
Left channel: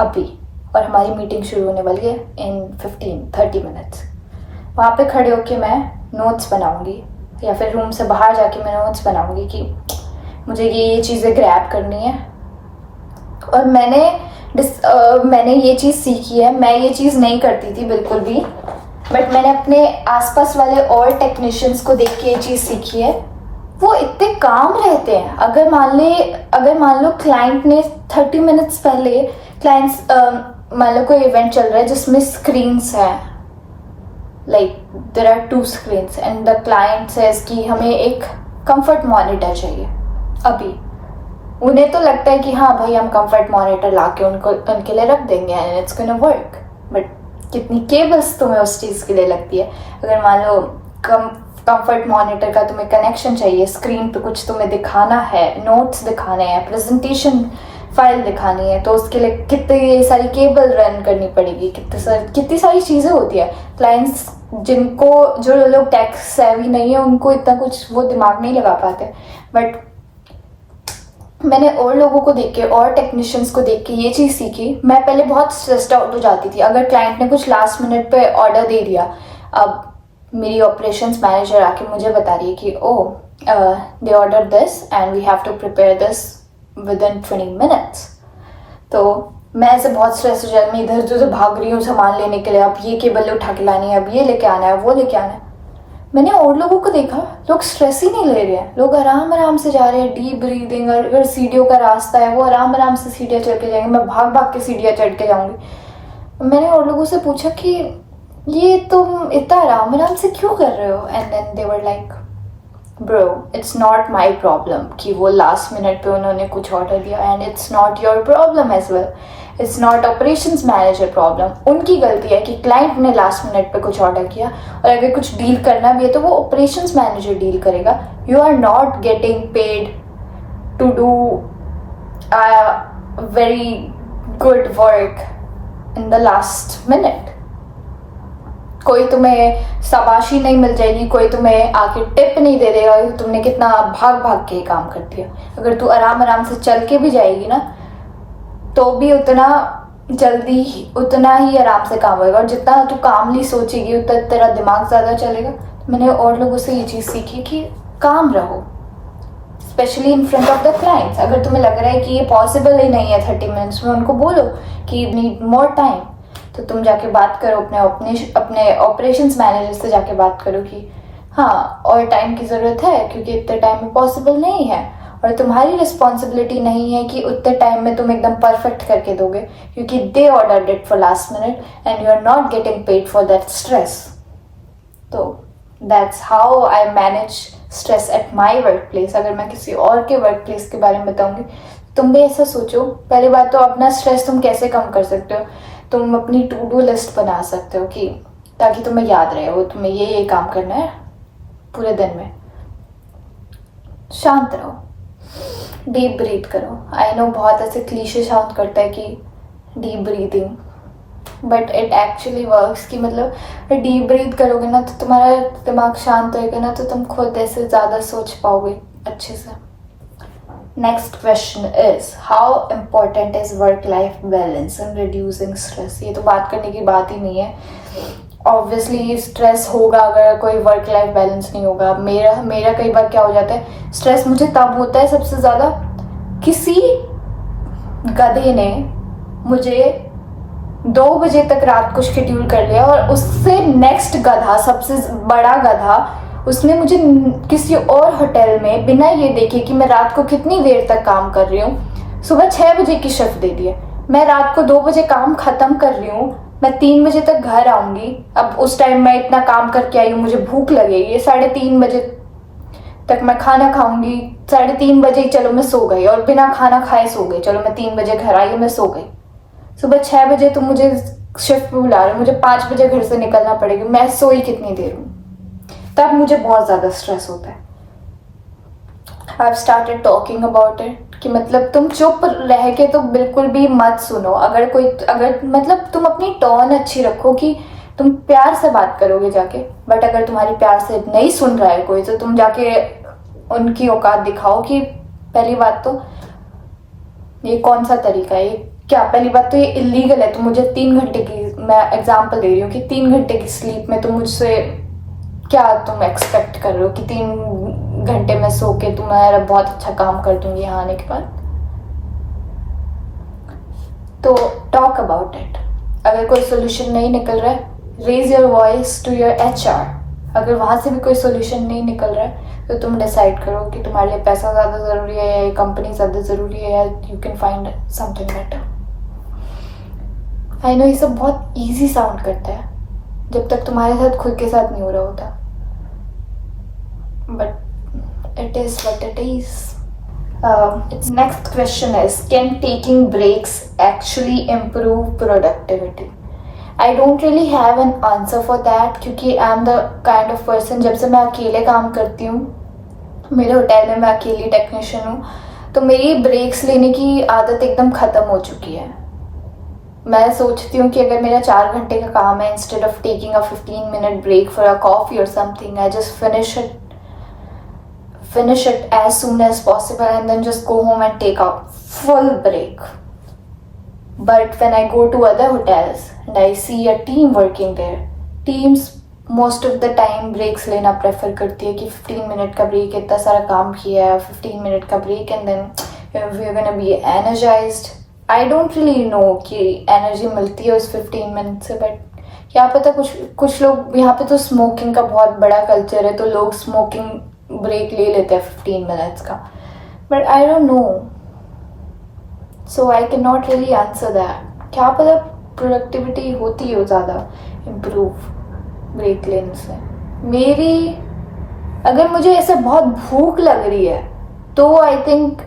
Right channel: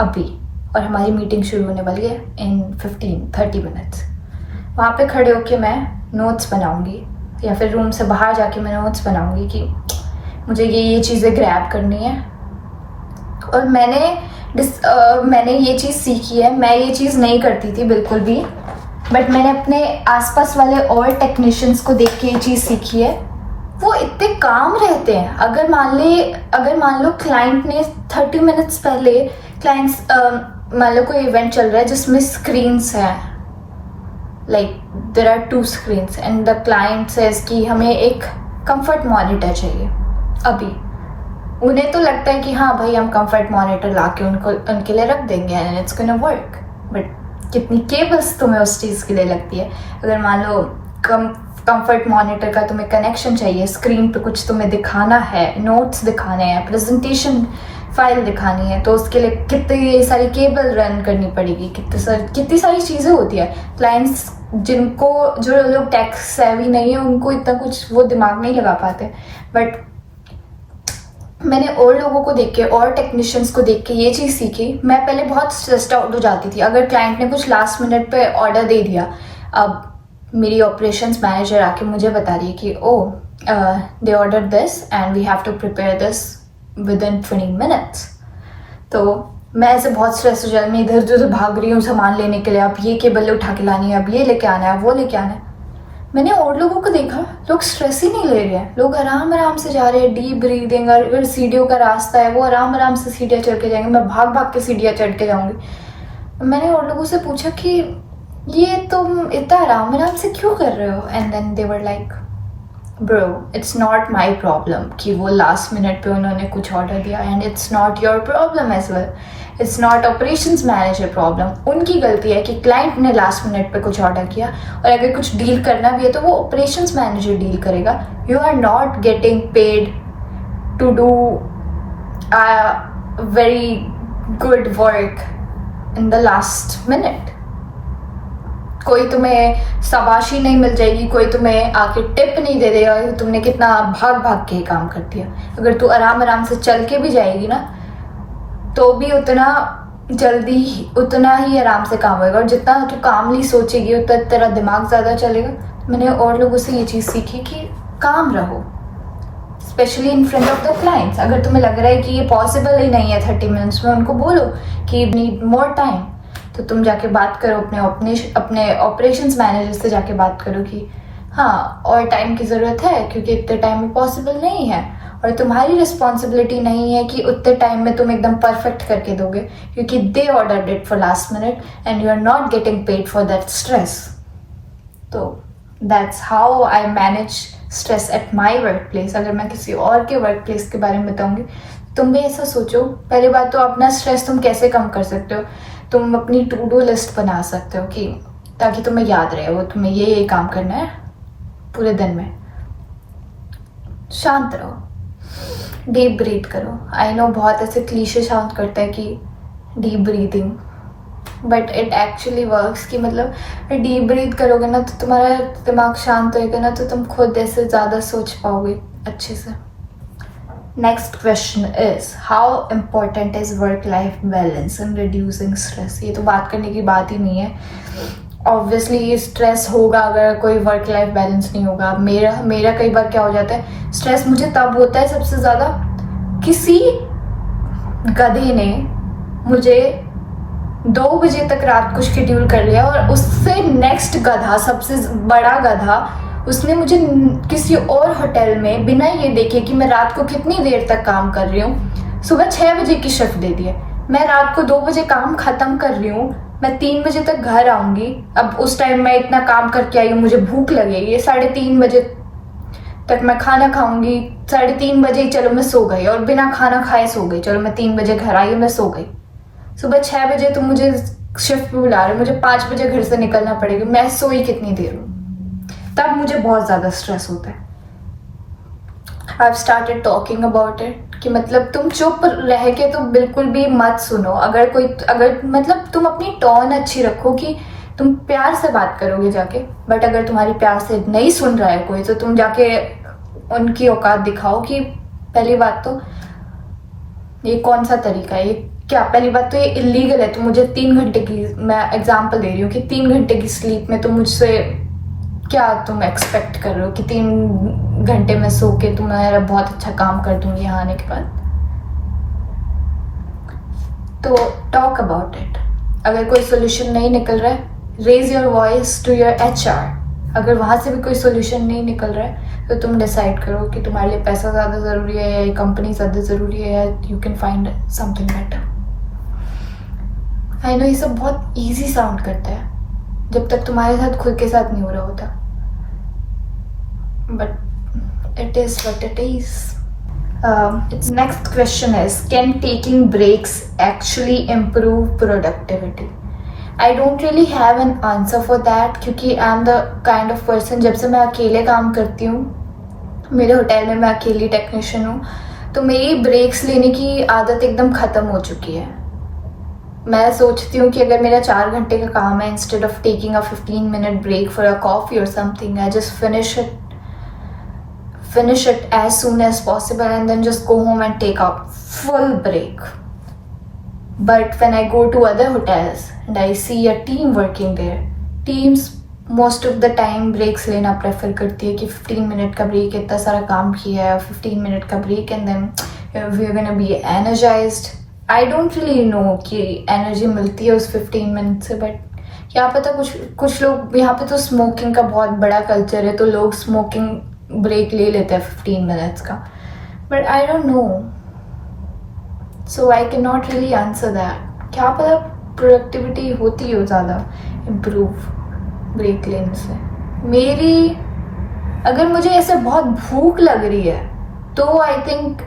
अभी, और हमारी मीटिंग शुरू होने वाली है इन 15-30 मिनट्स। वहाँ पे खड़े होके मैं नोट्स बनाऊँगी, या फिर रूम से बाहर जाके मैं नोट्स बनाऊँगी कि मुझे ये चीज़ें ग्रैब करनी है। और मैंने ये चीज़ सीखी है, मैं ये चीज़ नहीं करती थी बिल्कुल भी, बट मैंने अपने आसपास वाले और टेक्नीशियंस को देख के ये चीज़ सीखी है। वो इतने काम रहते हैं। अगर मान लो क्लाइंट ने 30 मिनट्स पहले मान लो कोई इवेंट चल रहा है जिसमें स्क्रीन्स है, like there are 2 screens and the client says कि हमें एक कंफर्ट मॉनिटर चाहिए अभी। उन्हें तो लगता है कि हाँ भाई हम कंफर्ट मॉनिटर ला के उनके लिए रख देंगे and it's gonna work, but कितनी केबल्स तुम्हें उस चीज़ के लिए लगती है। अगर मान लो कंफर्ट मॉनिटर का तुम्हें कनेक्शन चाहिए, स्क्रीन पे कुछ तुम्हें दिखाना है, नोट्स दिखाने हैं, प्रेजेंटेशन फाइल दिखानी है, तो उसके लिए कितनी सारी केबल रन करनी पड़ेगी, कितनी सारी चीज़ें होती है। क्लाइंट्स जो लोग टेक सेवी नहीं है उनको इतना कुछ वो दिमाग नहीं लगा पाते, बट मैंने और लोगों को देख के और टेक्नीशियंस को देख के ये चीज़ सीखी। मैं पहले बहुत स्ट्रेस्ड आउट हो जाती थी अगर क्लाइंट ने कुछ लास्ट मिनट पे ऑर्डर दे दिया। अब मेरी ऑपरेशंस मैनेजर आके मुझे बता रही है कि they order this and we have to prepare this within 20 minutes. तो मैं ऐसे बहुत स्ट्रेस हो जाती, मैं इधर उधर भाग रही हूँ सामान लेने के लिए, अब ये केबल उठा के लानी है, अब ये लेके आना है, वो लेके आना है। मैंने और लोगों को देखा, लोग स्ट्रेस ही नहीं ले रहे हैं, लोग आराम आराम से जा रहे हैं, डीप ब्रीदिंग। अगर सीढ़ियों का रास्ता है वो आराम आराम से सीढ़ियाँ चढ़ के जाएंगे, मैं भाग भाग के सीढ़ियाँ चढ़ के जाऊँगी। मैंने और लोगों से पूछा कि ये तुम इतना आराम आराम से क्यों कर रहे हो? And then they were like bro it's not my problem कि वो लास्ट मिनट पे उन्होंने कुछ ऑर्डर दिया, and it's not your problem as well, it's not operations manager problem. उनकी गलती है कि क्लाइंट ने लास्ट मिनट पे कुछ ऑर्डर किया, और अगर कुछ डील करना भी है तो वो ऑपरेशंस मैनेजर डील करेगा। You are not getting paid to do very good work in the last minute. कोई तुम्हें शाबाशी नहीं मिल जाएगी, कोई तुम्हें आके टिप नहीं दे देगा कि तुमने कितना भाग भाग के काम कर दिया। अगर तू आराम आराम से चल के भी जाएगी ना तो भी उतना ही आराम से काम होगा, और जितना तू कामली सोचेगी उतना तेरा दिमाग ज़्यादा चलेगा। तो मैंने और लोगों से ये चीज़ सीखी कि काम रहो, specially in front of the clients. अगर तुम्हें लग रहा है कि ये पॉसिबल ही नहीं है 30 मिनट्स में, उनको बोलो कि नीड मोर टाइम, तो तुम जाके बात करो अपने ऑपरेशंस मैनेजर से, जाके बात करो कि हाँ और टाइम की ज़रूरत है क्योंकि इतने टाइम में पॉसिबल नहीं है, और तुम्हारी रिस्पॉन्सिबिलिटी नहीं है कि उतने टाइम में तुम एकदम परफेक्ट करके दोगे, क्योंकि they ordered it for last minute and you are not getting paid for that stress. तो that's how I manage stress at my workplace, अगर मैं किसी और के वर्क प्लेस के बारे में बताऊंगी, तुम भी ऐसा सोचो। पहली बात तो अपना स्ट्रेस तुम कैसे कम कर सकते हो, तुम अपनी टू डू लिस्ट बना सकते हो कि ताकि तुम्हें याद रहे वो तुम्हें ये काम करना है पूरे दिन में। शांत रहो, डीप ब्रीथ करो। आई नो बहुत ऐसे क्लीशे साउंड करता है कि deep breathing, but it actually works. कि मतलब डीप ब्रीथ करोगे ना तो तुम्हारा दिमाग शांत होएगा ना, तो तुम खुद ऐसे ज़्यादा सोच पाओगे अच्छे से। Next question is how important is work life balance in reducing stress. ये तो बात करने की बात ही नहीं है, ऑब्वियसली स्ट्रेस होगा अगर कोई वर्क लाइफ बैलेंस नहीं होगा। मेरा कई बार क्या हो जाता है, स्ट्रेस मुझे तब होता है सबसे ज़्यादा, किसी गधे ने मुझे 2 बजे तक रात को शेड्यूल कर लिया और उससे नेक्स्ट गधा, सबसे बड़ा गधा, उसने मुझे किसी और होटल में बिना ये देखे कि मैं रात को कितनी देर तक काम कर रही हूँ, सुबह 6 बजे की शिफ्ट दे दी है। मैं रात को 2 बजे काम खत्म कर रही हूँ, मैं 3 बजे तक घर आऊंगी। अब उस टाइम मैं इतना काम करके आई हूँ, मुझे भूख लगेगी, 3:30 बजे तक मैं खाना खाऊंगी, 3:30 बजे ही चलो मैं सो गई, और बिना खाना खाए सो गई, चलो मैं 3 बजे घर आई, मैं सो गई। सुबह 6 बजे तुम मुझे शिफ्ट पे बुला रहे हो, मुझे 5 बजे घर से निकलना पड़ेगा, मैं सोई कितनी देर हूँ, तब मुझे बहुत ज़्यादा स्ट्रेस होता है। I have started talking about it कि मतलब तुम चुप रह के तो बिल्कुल भी मत सुनो। अगर मतलब तुम अपनी टोन अच्छी रखो कि तुम प्यार से बात करोगे जाके, बट अगर तुम्हारी प्यार से नहीं सुन रहा है कोई, तो तुम जाके उनकी औकात दिखाओ। कि पहली बात तो ये कौन सा तरीका है, ये क्या, पहली बात तो ये इलीगल है। तो मुझे 3 घंटे की, मैं एग्जांपल दे रही हूँ कि 3 घंटे की स्लीप में तुम मुझसे क्या तुम एक्सपेक्ट कर रहे हो कि 3 घंटे में सो के तुम्हारा बहुत अच्छा काम कर दूंगी यहाँ आने के बाद। तो टॉक अबाउट इट। अगर कोई सोल्यूशन नहीं निकल रहा है, raise your voice to your HR। अगर वहाँ से भी कोई सोल्यूशन नहीं निकल रहा है, तो तुम डिसाइड करो कि तुम्हारे लिए पैसा ज़्यादा ज़रूरी है या कंपनी ज़्यादा ज़रूरी है, या you can find something better. I know ये सब बहुत ईजी साउंड करता है जब तक तुम्हारे साथ खुद के साथ नहीं हो रहा होता, but it is what it is. Its next question is, can taking breaks actually improve productivity? I don't really have an answer for that, क्योंकि I am the kind of person, जब से मैं अकेले काम करती हूँ, मेरे होटल में मैं अकेली टेक्नीशियन हूँ, तो मेरी ब्रेक्स लेने की आदत एकदम ख़त्म हो चुकी है। मैं सोचती हूँ कि अगर मेरा 4 घंटे का काम है, instead of taking a 15-minute break for a coffee or something, I just finish it as soon as possible and then just go home and take a full break. But when I go to other hotels and I see a team working there, teams most of the time breaks लेना prefer करती है कि 15 minute का break, इतना सारा काम किया है, 15 मिनट का break and then we're gonna be energized. I don't really know कि energy मिलती है उस 15 मिनट से, but क्या पता कुछ लोग, यहाँ पे तो स्मोकिंग का बहुत बड़ा कल्चर है, तो लोग स्मोकिंग ब्रेक ले लेते हैं 15 मिनट्स का, but I don't know, so I can not really answer that. क्या पता प्रोडक्टिविटी होती हो ज़्यादा इम्प्रूव ब्रेक लेने से। मेरी, अगर मुझे ऐसे बहुत भूख लग रही है तो आई थिंक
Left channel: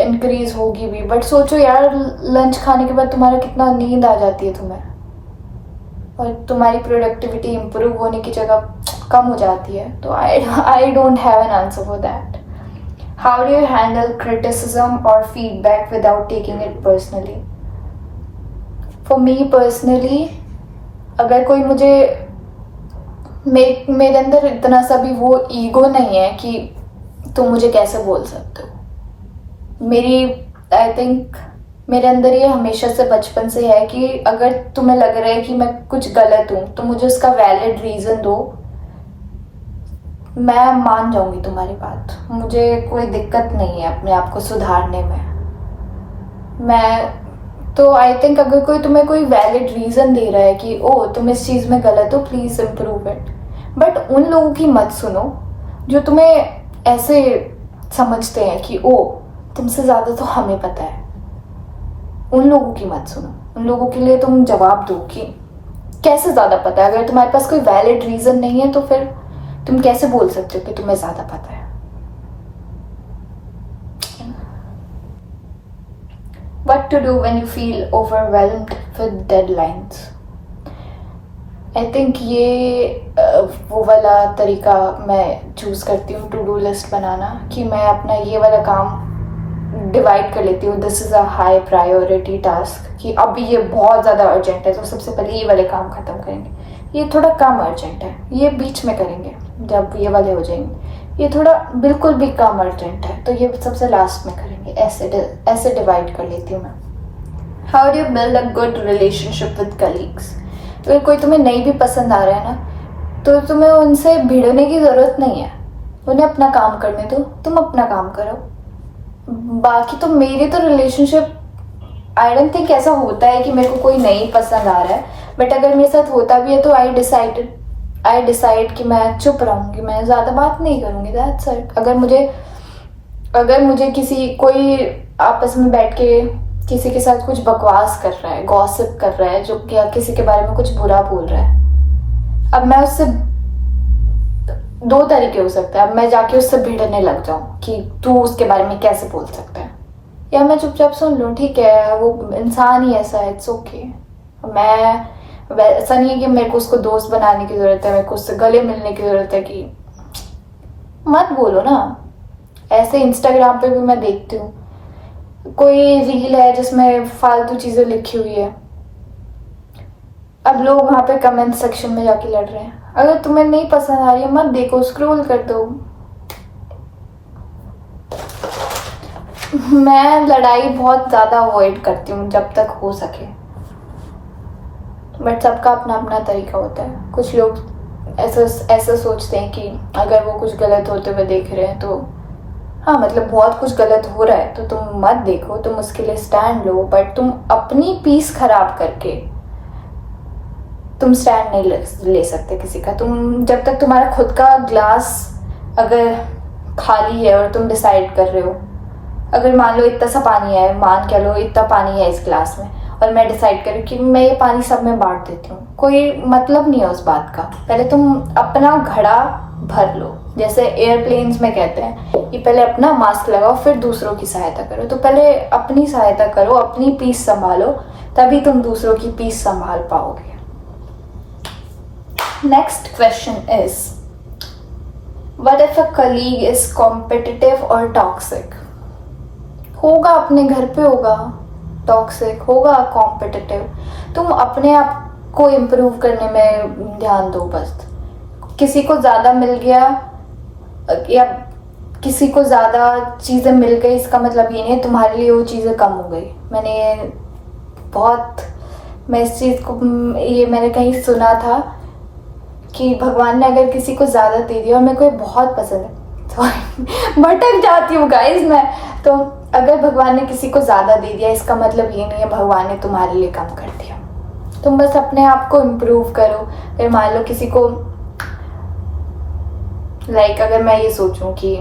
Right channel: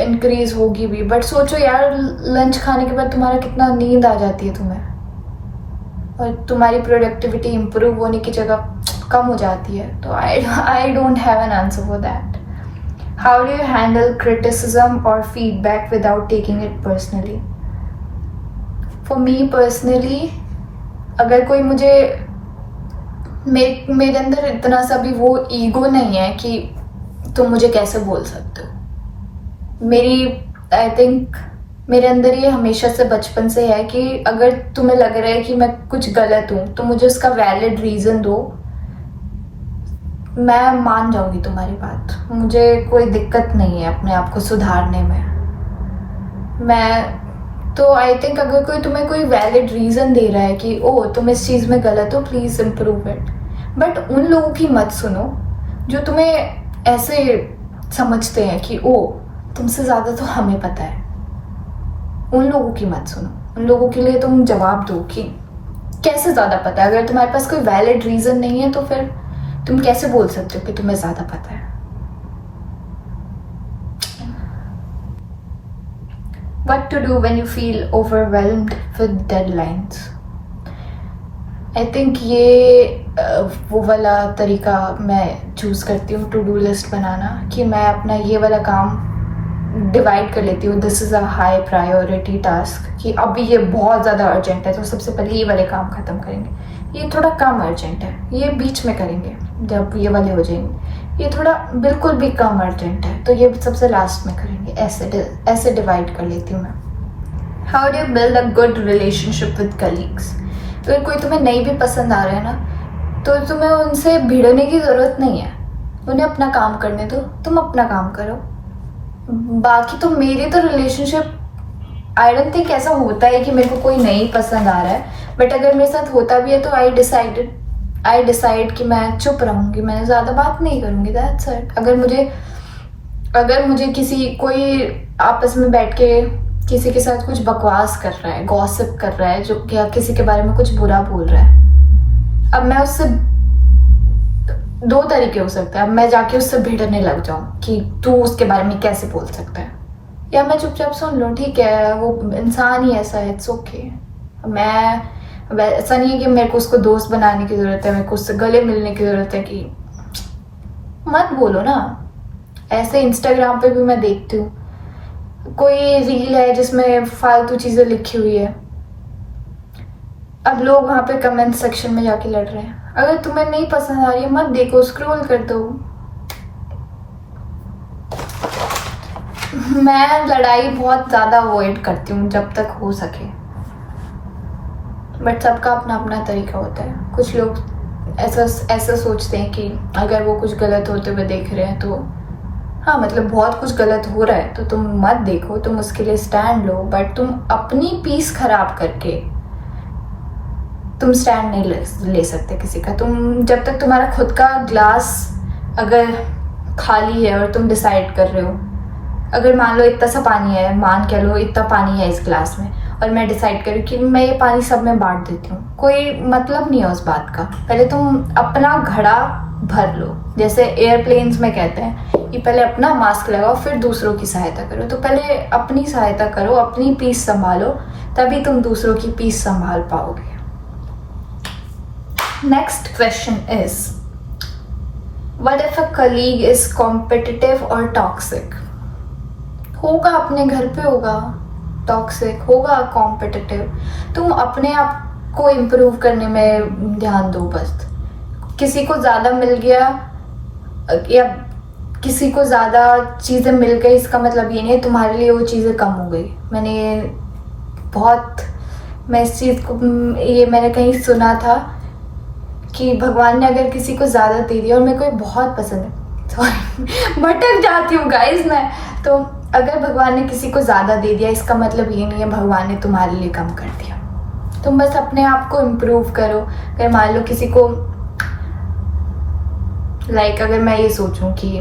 इंक्रीज होगी भी, बट सोचो यार लंच खाने के बाद तुम्हारा कितना नींद आ जाती है तुम्हें, और तुम्हारी प्रोडक्टिविटी इम्प्रूव होने की जगह कम हो जाती है। तो I don't have an answer for that. How do you handle criticism और feedback without taking it personally? For me personally, अगर कोई मुझे, मेरे अंदर इतना सा भी वो ईगो नहीं है कि तुम मुझे कैसे बोल सकते हो। आई थिंक मेरे अंदर ये हमेशा से बचपन से है कि अगर तुम्हें लग रहा है कि मैं कुछ गलत हूँ तो मुझे उसका वैलिड रीज़न दो, मैं मान जाऊंगी तुम्हारी बात। मुझे कोई दिक्कत नहीं है अपने आप को सुधारने में। तो आई थिंक अगर कोई तुम्हें कोई वैलिड रीज़न दे रहा है कि ओ तुम इस चीज़ में गलत हो, प्लीज़ इम्प्रूव इट, बट उन लोगों की मत सुनो जो तुम्हें ऐसे समझते हैं कि ओ तुमसे ज़्यादा तो हमें पता है। उन लोगों की मत सुनो, उन लोगों के लिए तुम जवाब दो कि कैसे ज़्यादा पता है। अगर तुम्हारे पास कोई वैलिड रीज़न नहीं है तो फिर तुम कैसे बोल सकते हो कि तुम्हें ज़्यादा पता है? What to do when you feel overwhelmed with deadlines? I think ये वो वाला तरीका मैं चूज़ करती हूँ टू डू लिस्ट बनाना, कि मैं अपना ये वाला काम डिवाइड कर लेती हूँ. This is a high priority task, कि अभी ये बहुत ज़्यादा अर्जेंट है तो सबसे पहले ये वाले काम ख़त्म करेंगे. ये थोड़ा कम अर्जेंट है, ये बीच में करेंगे जब ये वाले हो जाएंगे. ये थोड़ा बिल्कुल भी कम अर्जेंट है तो ये सबसे लास्ट में करेंगे. ऐसे डिवाइड कर लेती हूँ मैं. How do you build a good relationship with colleagues? अगर कोई तुम्हें नहीं भी पसंद आ रहा है ना, तो तुम्हें उनसे भिड़ने की ज़रूरत नहीं है. उन्हें अपना काम करने दो, तुम अपना काम करो. बाकी तो मेरी तो रिलेशनशिप आई डोंट थिंक ऐसा होता है कि मेरे को कोई नहीं पसंद आ रहा है. बट अगर मेरे साथ होता भी है तो आई डिसाइड कि मैं चुप रहूँगी, मैं ज़्यादा बात नहीं करूँगी. That's it. अगर मुझे कोई आपस में बैठ के किसी के साथ कुछ बकवास कर रहा है, गॉसिप कर रहा है, जो क्या किसी के बारे में कुछ बुरा बोल रहा है, अब मैं उससे दो तरीके हो सकते हैं. अब मैं जाके उससे भिड़ने लग जाऊं कि तू उसके बारे में कैसे बोल सकता है, या मैं चुपचाप सुन लूं. ठीक है, वो इंसान ही ऐसा है, इट्स ओके. मैं ऐसा नहीं है कि मेरे को उसको दोस्त बनाने की ज़रूरत है, मेरे को उससे गले मिलने की ज़रूरत है. कि मत बोलो ना. ऐसे इंस्टाग्राम पे भी मैं देखती हूँ, कोई रील है जिसमें फालतू चीज़ें लिखी हुई है, अब लोग वहाँ पे कमेंट सेक्शन में जाके लड़ रहे हैं. अगर तुम्हें नहीं पसंद आ रही है मत देखो, स्क्रॉल कर दो. मैं लड़ाई बहुत ज़्यादा अवॉइड करती हूँ जब तक हो सके. बट सबका अपना अपना तरीका होता है. कुछ लोग ऐसा सोचते हैं कि अगर वो कुछ गलत होते हुए देख रहे हैं तो हाँ, मतलब बहुत कुछ गलत हो रहा है तो तुम मत देखो, तुम उसके लिए स्टैंड लो. बट तुम अपनी पीस खराब करके तुम स्टैंड नहीं ले सकते किसी का. तुम जब तक तुम्हारा खुद का ग्लास अगर खाली है और तुम डिसाइड कर रहे हो, अगर मान लो इतना सा पानी है, मान के लो इतना पानी है इस ग्लास में, और मैं डिसाइड करूँ कि मैं ये पानी सब में बांट देती हूँ, कोई मतलब नहीं है उस बात का. पहले तुम अपना घड़ा भर लो. जैसे एयरप्लेन्स में कहते हैं कि पहले अपना मास्क लगाओ फिर दूसरों की सहायता करो. तो पहले अपनी सहायता करो, अपनी पीस संभालो, तभी तुम दूसरों की पीस संभाल पाओगे. Next question is, what if a colleague is competitive और टॉक्सिक? होगा, अपने घर पे होगा टॉक्सिक, होगा कॉम्पिटिटिव. तुम अपने आप को इम्प्रूव करने में ध्यान दो बस. किसी को ज़्यादा मिल गया या किसी को ज़्यादा चीज़ें मिल गई, इसका मतलब ये नहीं है तुम्हारे लिए वो चीज़ें कम हो गई. मैं इस चीज़ को मैंने कहीं सुना था कि भगवान ने अगर किसी को ज़्यादा दे दिया, और मेरे को ये बहुत पसंद है, सॉरी भटक जाती हूँ गाइज मैं. तो अगर भगवान ने किसी को ज़्यादा दे दिया, इसका मतलब ये नहीं है भगवान ने तुम्हारे लिए कम कर दिया. तुम बस अपने आप को इम्प्रूव करो. अगर मान लो किसी को अगर मैं ये सोचूं कि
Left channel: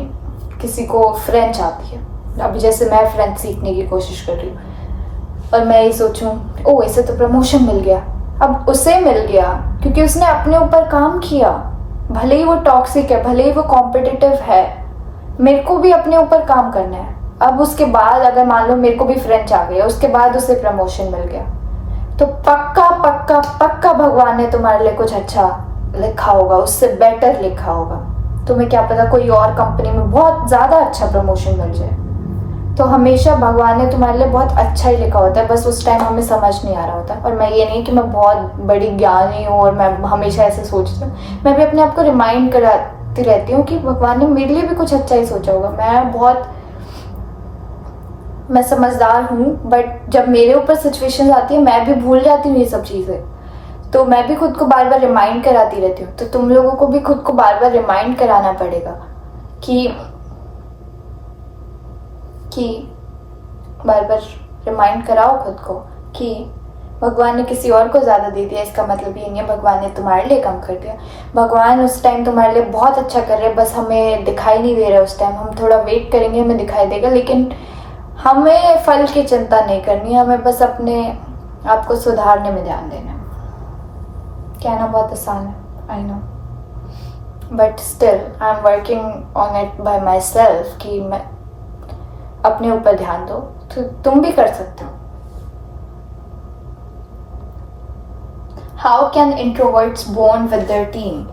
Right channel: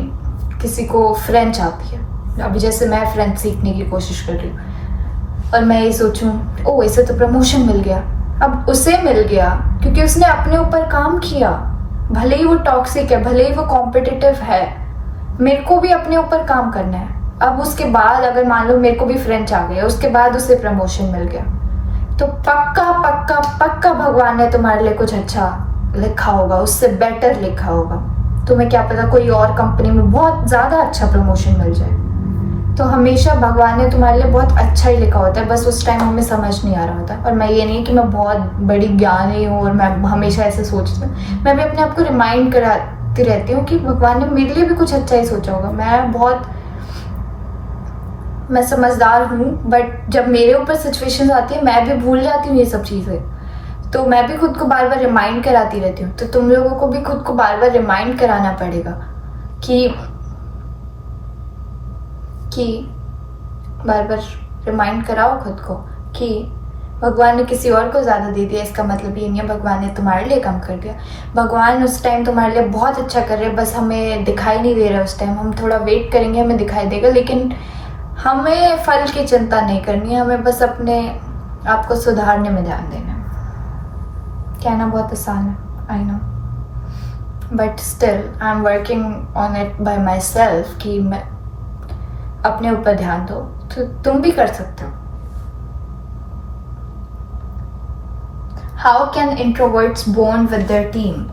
किसी को फ्रेंच आती है, अभी जैसे मैं फ्रेंच सीखने की कोशिश कर रही हूँ, और मैं ये सोचूं ओ इसे तो प्रमोशन मिल गया. अब उसे मिल गया क्योंकि उसने अपने ऊपर काम किया. भले ही वो टॉक्सिक है, भले ही वो कॉम्पिटिटिव है, मेरे को भी अपने ऊपर काम करना है. अब उसके बाद अगर मान लो मेरे को भी फ्रेंच आ गया, उसके बाद उसे प्रमोशन मिल गया, तो पक्का पक्का पक्का भगवान ने तुम्हारे लिए कुछ अच्छा लिखा होगा, उससे बेटर लिखा होगा. तुम्हें क्या पता कोई और कंपनी में बहुत ज़्यादा अच्छा प्रमोशन मिल जाए. तो हमेशा भगवान ने तुम्हारे लिए बहुत अच्छा ही लिखा होता है, बस उस टाइम हमें समझ नहीं आ रहा होता. और मैं ये नहीं कि मैं बहुत बड़ी ज्ञानी हूँ और मैं हमेशा ऐसे सोचती हूँ. मैं भी अपने आप को रिमाइंड कराती रहती हूँ कि भगवान ने मेरे लिए भी कुछ अच्छा ही सोचा होगा. मैं समझदार हूँ, बट जब मेरे ऊपर सिचुएशन आती है मैं भी भूल जाती हूँ ये सब चीज़ें. तो मैं भी खुद को बार बार रिमाइंड कराती रहती हूँ. तो तुम लोगों को भी खुद को बार बार रिमाइंड कराना पड़ेगा कि बार बार रिमाइंड कराओ खुद को कि भगवान ने किसी और को ज़्यादा दे दिया, इसका मतलब ये नहीं है भगवान ने तुम्हारे लिए कम कर दिया. भगवान उस टाइम तुम्हारे लिए बहुत अच्छा कर रहे हैं, बस हमें दिखाई नहीं दे रहा है. उस टाइम हम थोड़ा वेट करेंगे, हमें दिखाई देगा. लेकिन हमें फल की चिंता नहीं करनी है, हमें बस अपने आप को सुधारने में ध्यान देना है. कहना बहुत आसान है, I know. But still I am working on it by myself कि मैं अपने ऊपर ध्यान दो, तो तुम भी कर सकते हो. How can introverts bond with their team.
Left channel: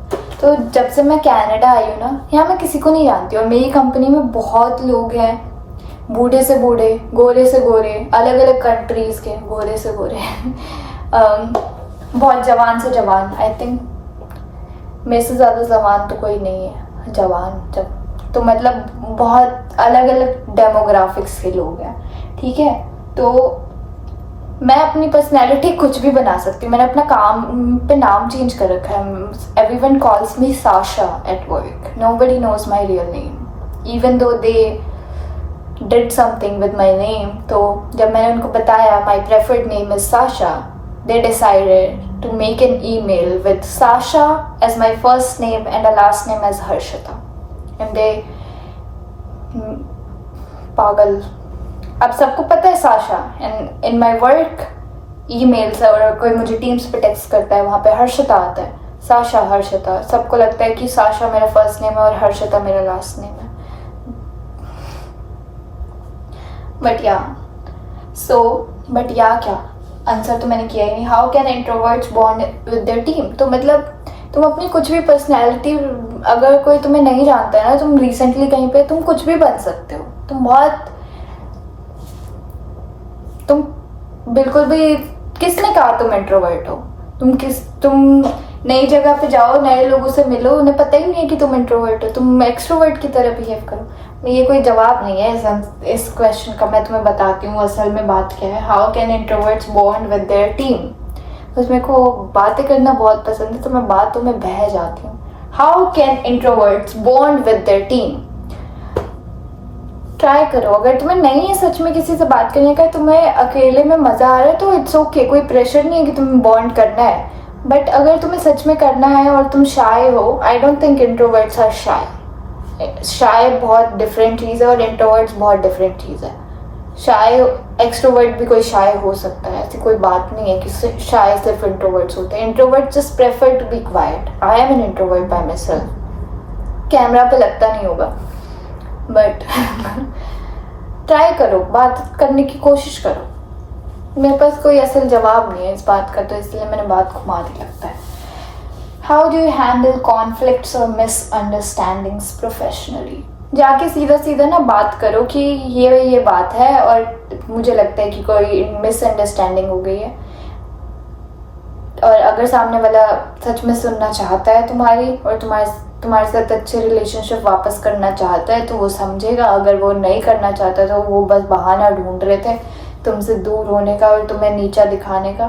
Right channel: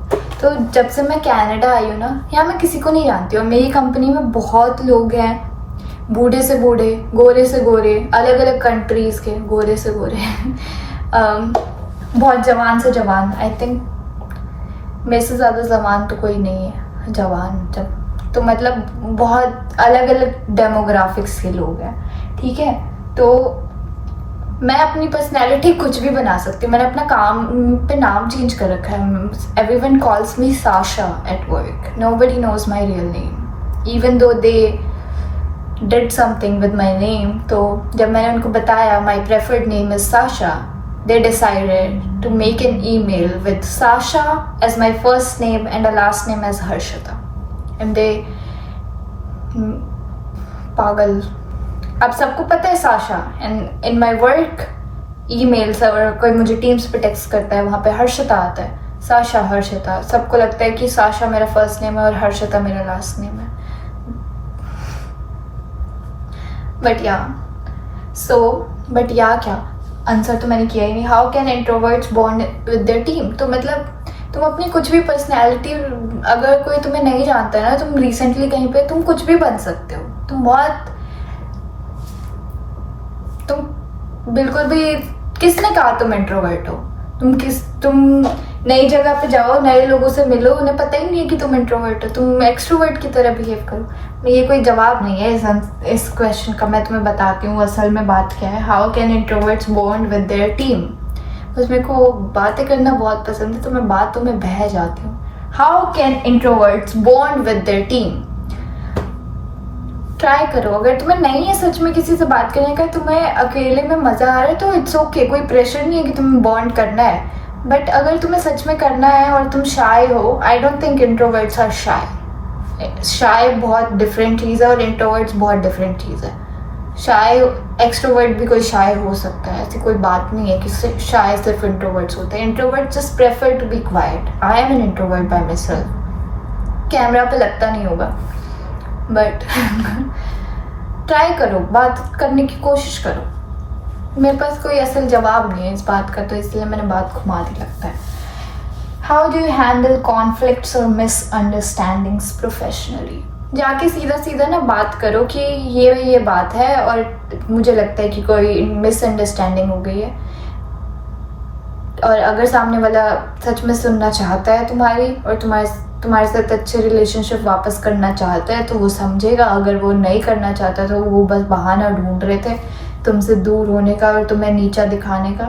तो जब से मैं कनाडा आई हूँ ना, यहाँ मैं किसी को नहीं जानती और मेरी कंपनी में बहुत लोग हैं, बूढ़े से बूढ़े, गोरे से गोरे, अलग अलग कंट्रीज़ के गोरे से गोरे बहुत जवान से जवान. आई थिंक मेरे से ज़्यादा जवान तो कोई नहीं है. जवान जब तो मतलब बहुत अलग अलग डेमोग्राफिक्स के लोग हैं. ठीक है, तो मैं अपनी पर्सनैलिटी कुछ भी बना सकती हूँ. मैंने अपना काम पे नाम चेंज कर रखा है. Everyone calls me Sasha at work. Nobody knows my real name even though they did something with my name. तो जब मैंने उनको बताया my preferred name is Sasha, they decided to make an email with Sasha as my first name and a last name as Harshita. And they पागल. अब सबको पता है Sasha. And in my work emails और कोई मुझे teams पे text करता है, वहाँ पे हर्षिता आता है. साशा, हर्षिता. सबको लगता है कि साशा मेरा फर्स्ट नेम है और हर्षिता मेरा लास्ट नेम है. बट या क्या आंसर तो मैंने किया ही नहीं. How can introverts bond with their team. तो मतलब तुम अपनी कुछ भी पर्सनैलिटी, अगर कोई तुम्हें नहीं जानता है ना, तुम रिसेंटली कहीं पे तुम कुछ भी बन सकते हो. तुम बिल्कुल भी, किसने कहा तुम इंट्रोवर्ट हो. तुम नई जगह पे जाओ, नए लोगों से मिलो, उन्हें पता ही नहीं है कि तुम इंट्रोवर्ट हो. तुम एक्सट्रोवर्ट की तरह बिहेव करो. ये कोई जवाब नहीं है इस क्वेश्चन का. मैं तुम्हें बताती हूँ असल में बात क्या है. How can introverts bond with their team. बस मेरे को बातें करना बहुत पसंद है, तो मैं बातों में बह जाती हूँ. How can introverts bond with their team. Try करो. अगर तुम्हें नहीं है सच में किसी से बात करने का, तुम्हें अकेले में मज़ा आ रहा है तो इट्स ओके. कोई प्रेशर नहीं है कि तुम्हें बॉन्ड करना है. बट अगर तुम्हें सच में करना है और तुम शाय हो, I don't think introverts are shy. Shy बहुत डिफरेंट चीज़ है और इंट्रोवर्ट्स बहुत डिफरेंट चीज़ है. शाय एक्सट्रोवर्ट भी कोई शाय हो सकता है, ऐसी कोई बात नहीं है कि शाय सिर्फ इंट्रोवर्ट्स होते हैं. Introvert just prefer to be quiet. I am an introvert by myself. Camera पे लगता नहीं होगा, बट ट्राई करो, बात करने की कोशिश करो. मेरे पास कोई असल जवाब नहीं है इस बात का, तो इसलिए मैंने बात घुमा दी लगता है. How do you handle conflicts और मिसअंडरस्टैंडिंग्स प्रोफेशनली. जाके सीधा सीधा ना बात करो कि ये बात है और मुझे लगता है कि कोई मिसअंडरस्टैंडिंग हो गई है. और अगर सामने वाला सच में सुनना चाहता है तुम्हारी और तुम्हारे साथ अच्छे रिलेशनशिप वापस करना चाहता है, तो वो समझेगा. अगर वो नहीं करना चाहता तो वो बस बहाना ढूंढ रहे थे तुमसे दूर होने का और तुम्हें नीचा दिखाने का.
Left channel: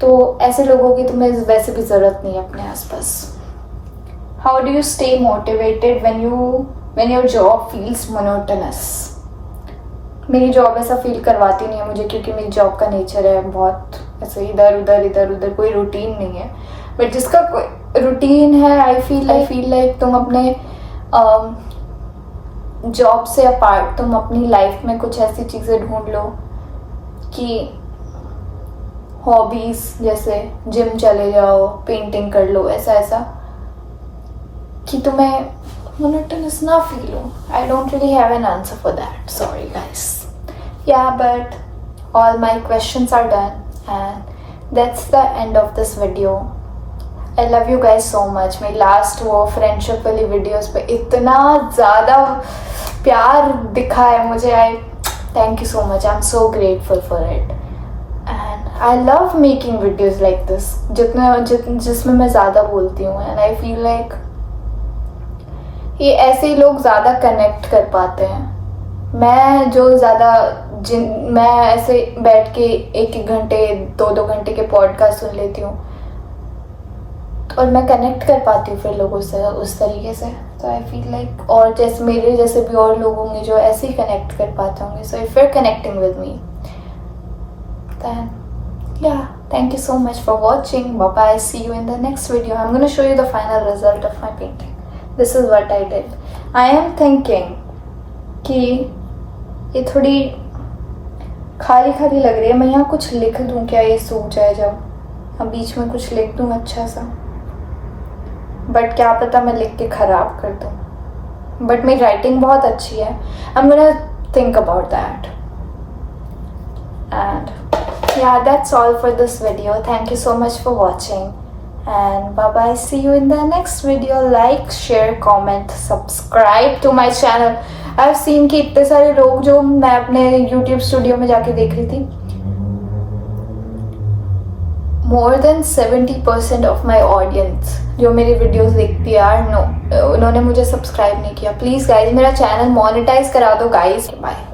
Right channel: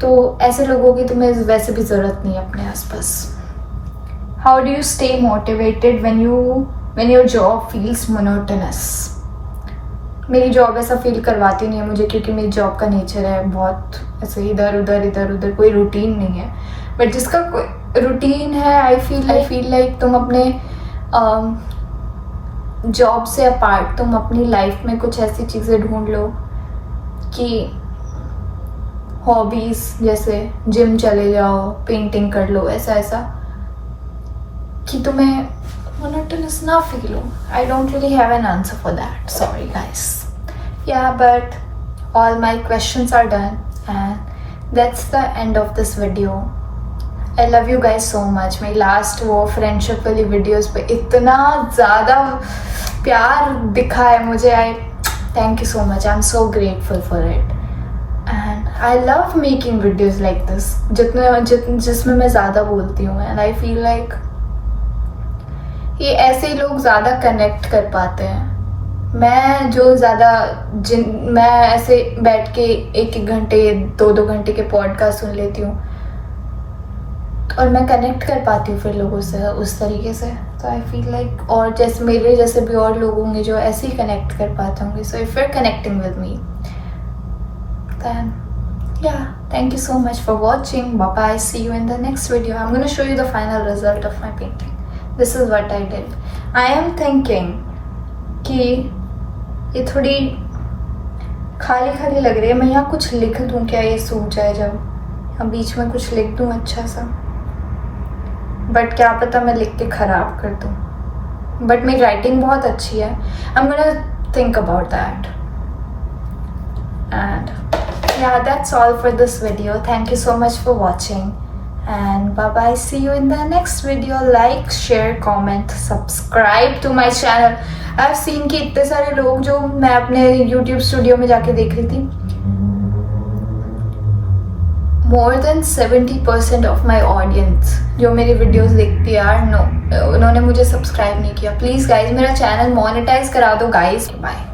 तो ऐसे लोगों की तुम्हें वैसे भी ज़रूरत नहीं है अपने आसपास. How do you stay motivated when your job feels monotonous. मेरी जॉब ऐसा फील करवाती नहीं है मुझे, क्योंकि मेरी जॉब का नेचर है बहुत ऐसे इधर उधर, कोई रूटीन नहीं है. बट जिसका कोई रूटीन है, आई फील लाइक तुम अपने जॉब से अपार्ट तुम अपनी लाइफ में कुछ ऐसी चीज़ें ढूंढ लो कि हॉबीज़, जैसे जिम चले जाओ, पेंटिंग कर लो, ऐसा कि तुम्हें मोनोटोनस ना फील हो. I don't really have an answer for that, sorry guys. Yeah but all my questions are done and that's the end of this video. I love you guys so much. मेरी last वो friendship वाली videos पे इतना ज़्यादा प्यार दिखा है मुझे. I thank you so much. I am so grateful for it and I love making videos like this जिसमें मैं ज़्यादा बोलती हूँ. एंड आई फील लाइक ये ऐसे ही लोग ज़्यादा कनेक्ट कर पाते हैं. मैं ऐसे बैठ के 1-1 घंटे 2-2 घंटे के पॉडकास्ट सुन लेती हूँ और मैं कनेक्ट कर पाती हूँ फिर लोगों से उस तरीके से. तो आई फील लाइक, और जैसे मेरे जैसे भी और लोग होंगे जो ऐसे ही कनेक्ट कर पाते होंगे. So if you're connecting with me, then yeah, thank you so much for watching. Bye bye. See you in the next video. I'm going to show you the final result of my painting. This is what I did. I am thinking कि ये थोड़ी खाली खाली लग रही है. मैं यहाँ कुछ लिख दूँ क्या, ये सूख जाए जब. यहाँ बीच में कुछ लिख दूँ अच्छा सा. बट क्या पता मैं लिख के ख़राब कर दूँ, बट मेरी राइटिंग बहुत अच्छी है. आई am gonna think about that. And yeah, that's all for this video. Thank you so much for watching, and bye bye. See you in the next video. Like, share, comment, subscribe to my channel. I've seen कि इतने सारे लोग जो मैं अपने YouTube studio में जाके देख रही थी, more than 70% of my audience जो मेरी वीडियोस देखती है यार, नो उन्होंने मुझे सब्सक्राइब नहीं किया. प्लीज़ गाइज मेरा चैनल मोनेटाइज करा दो गाइज. बाय.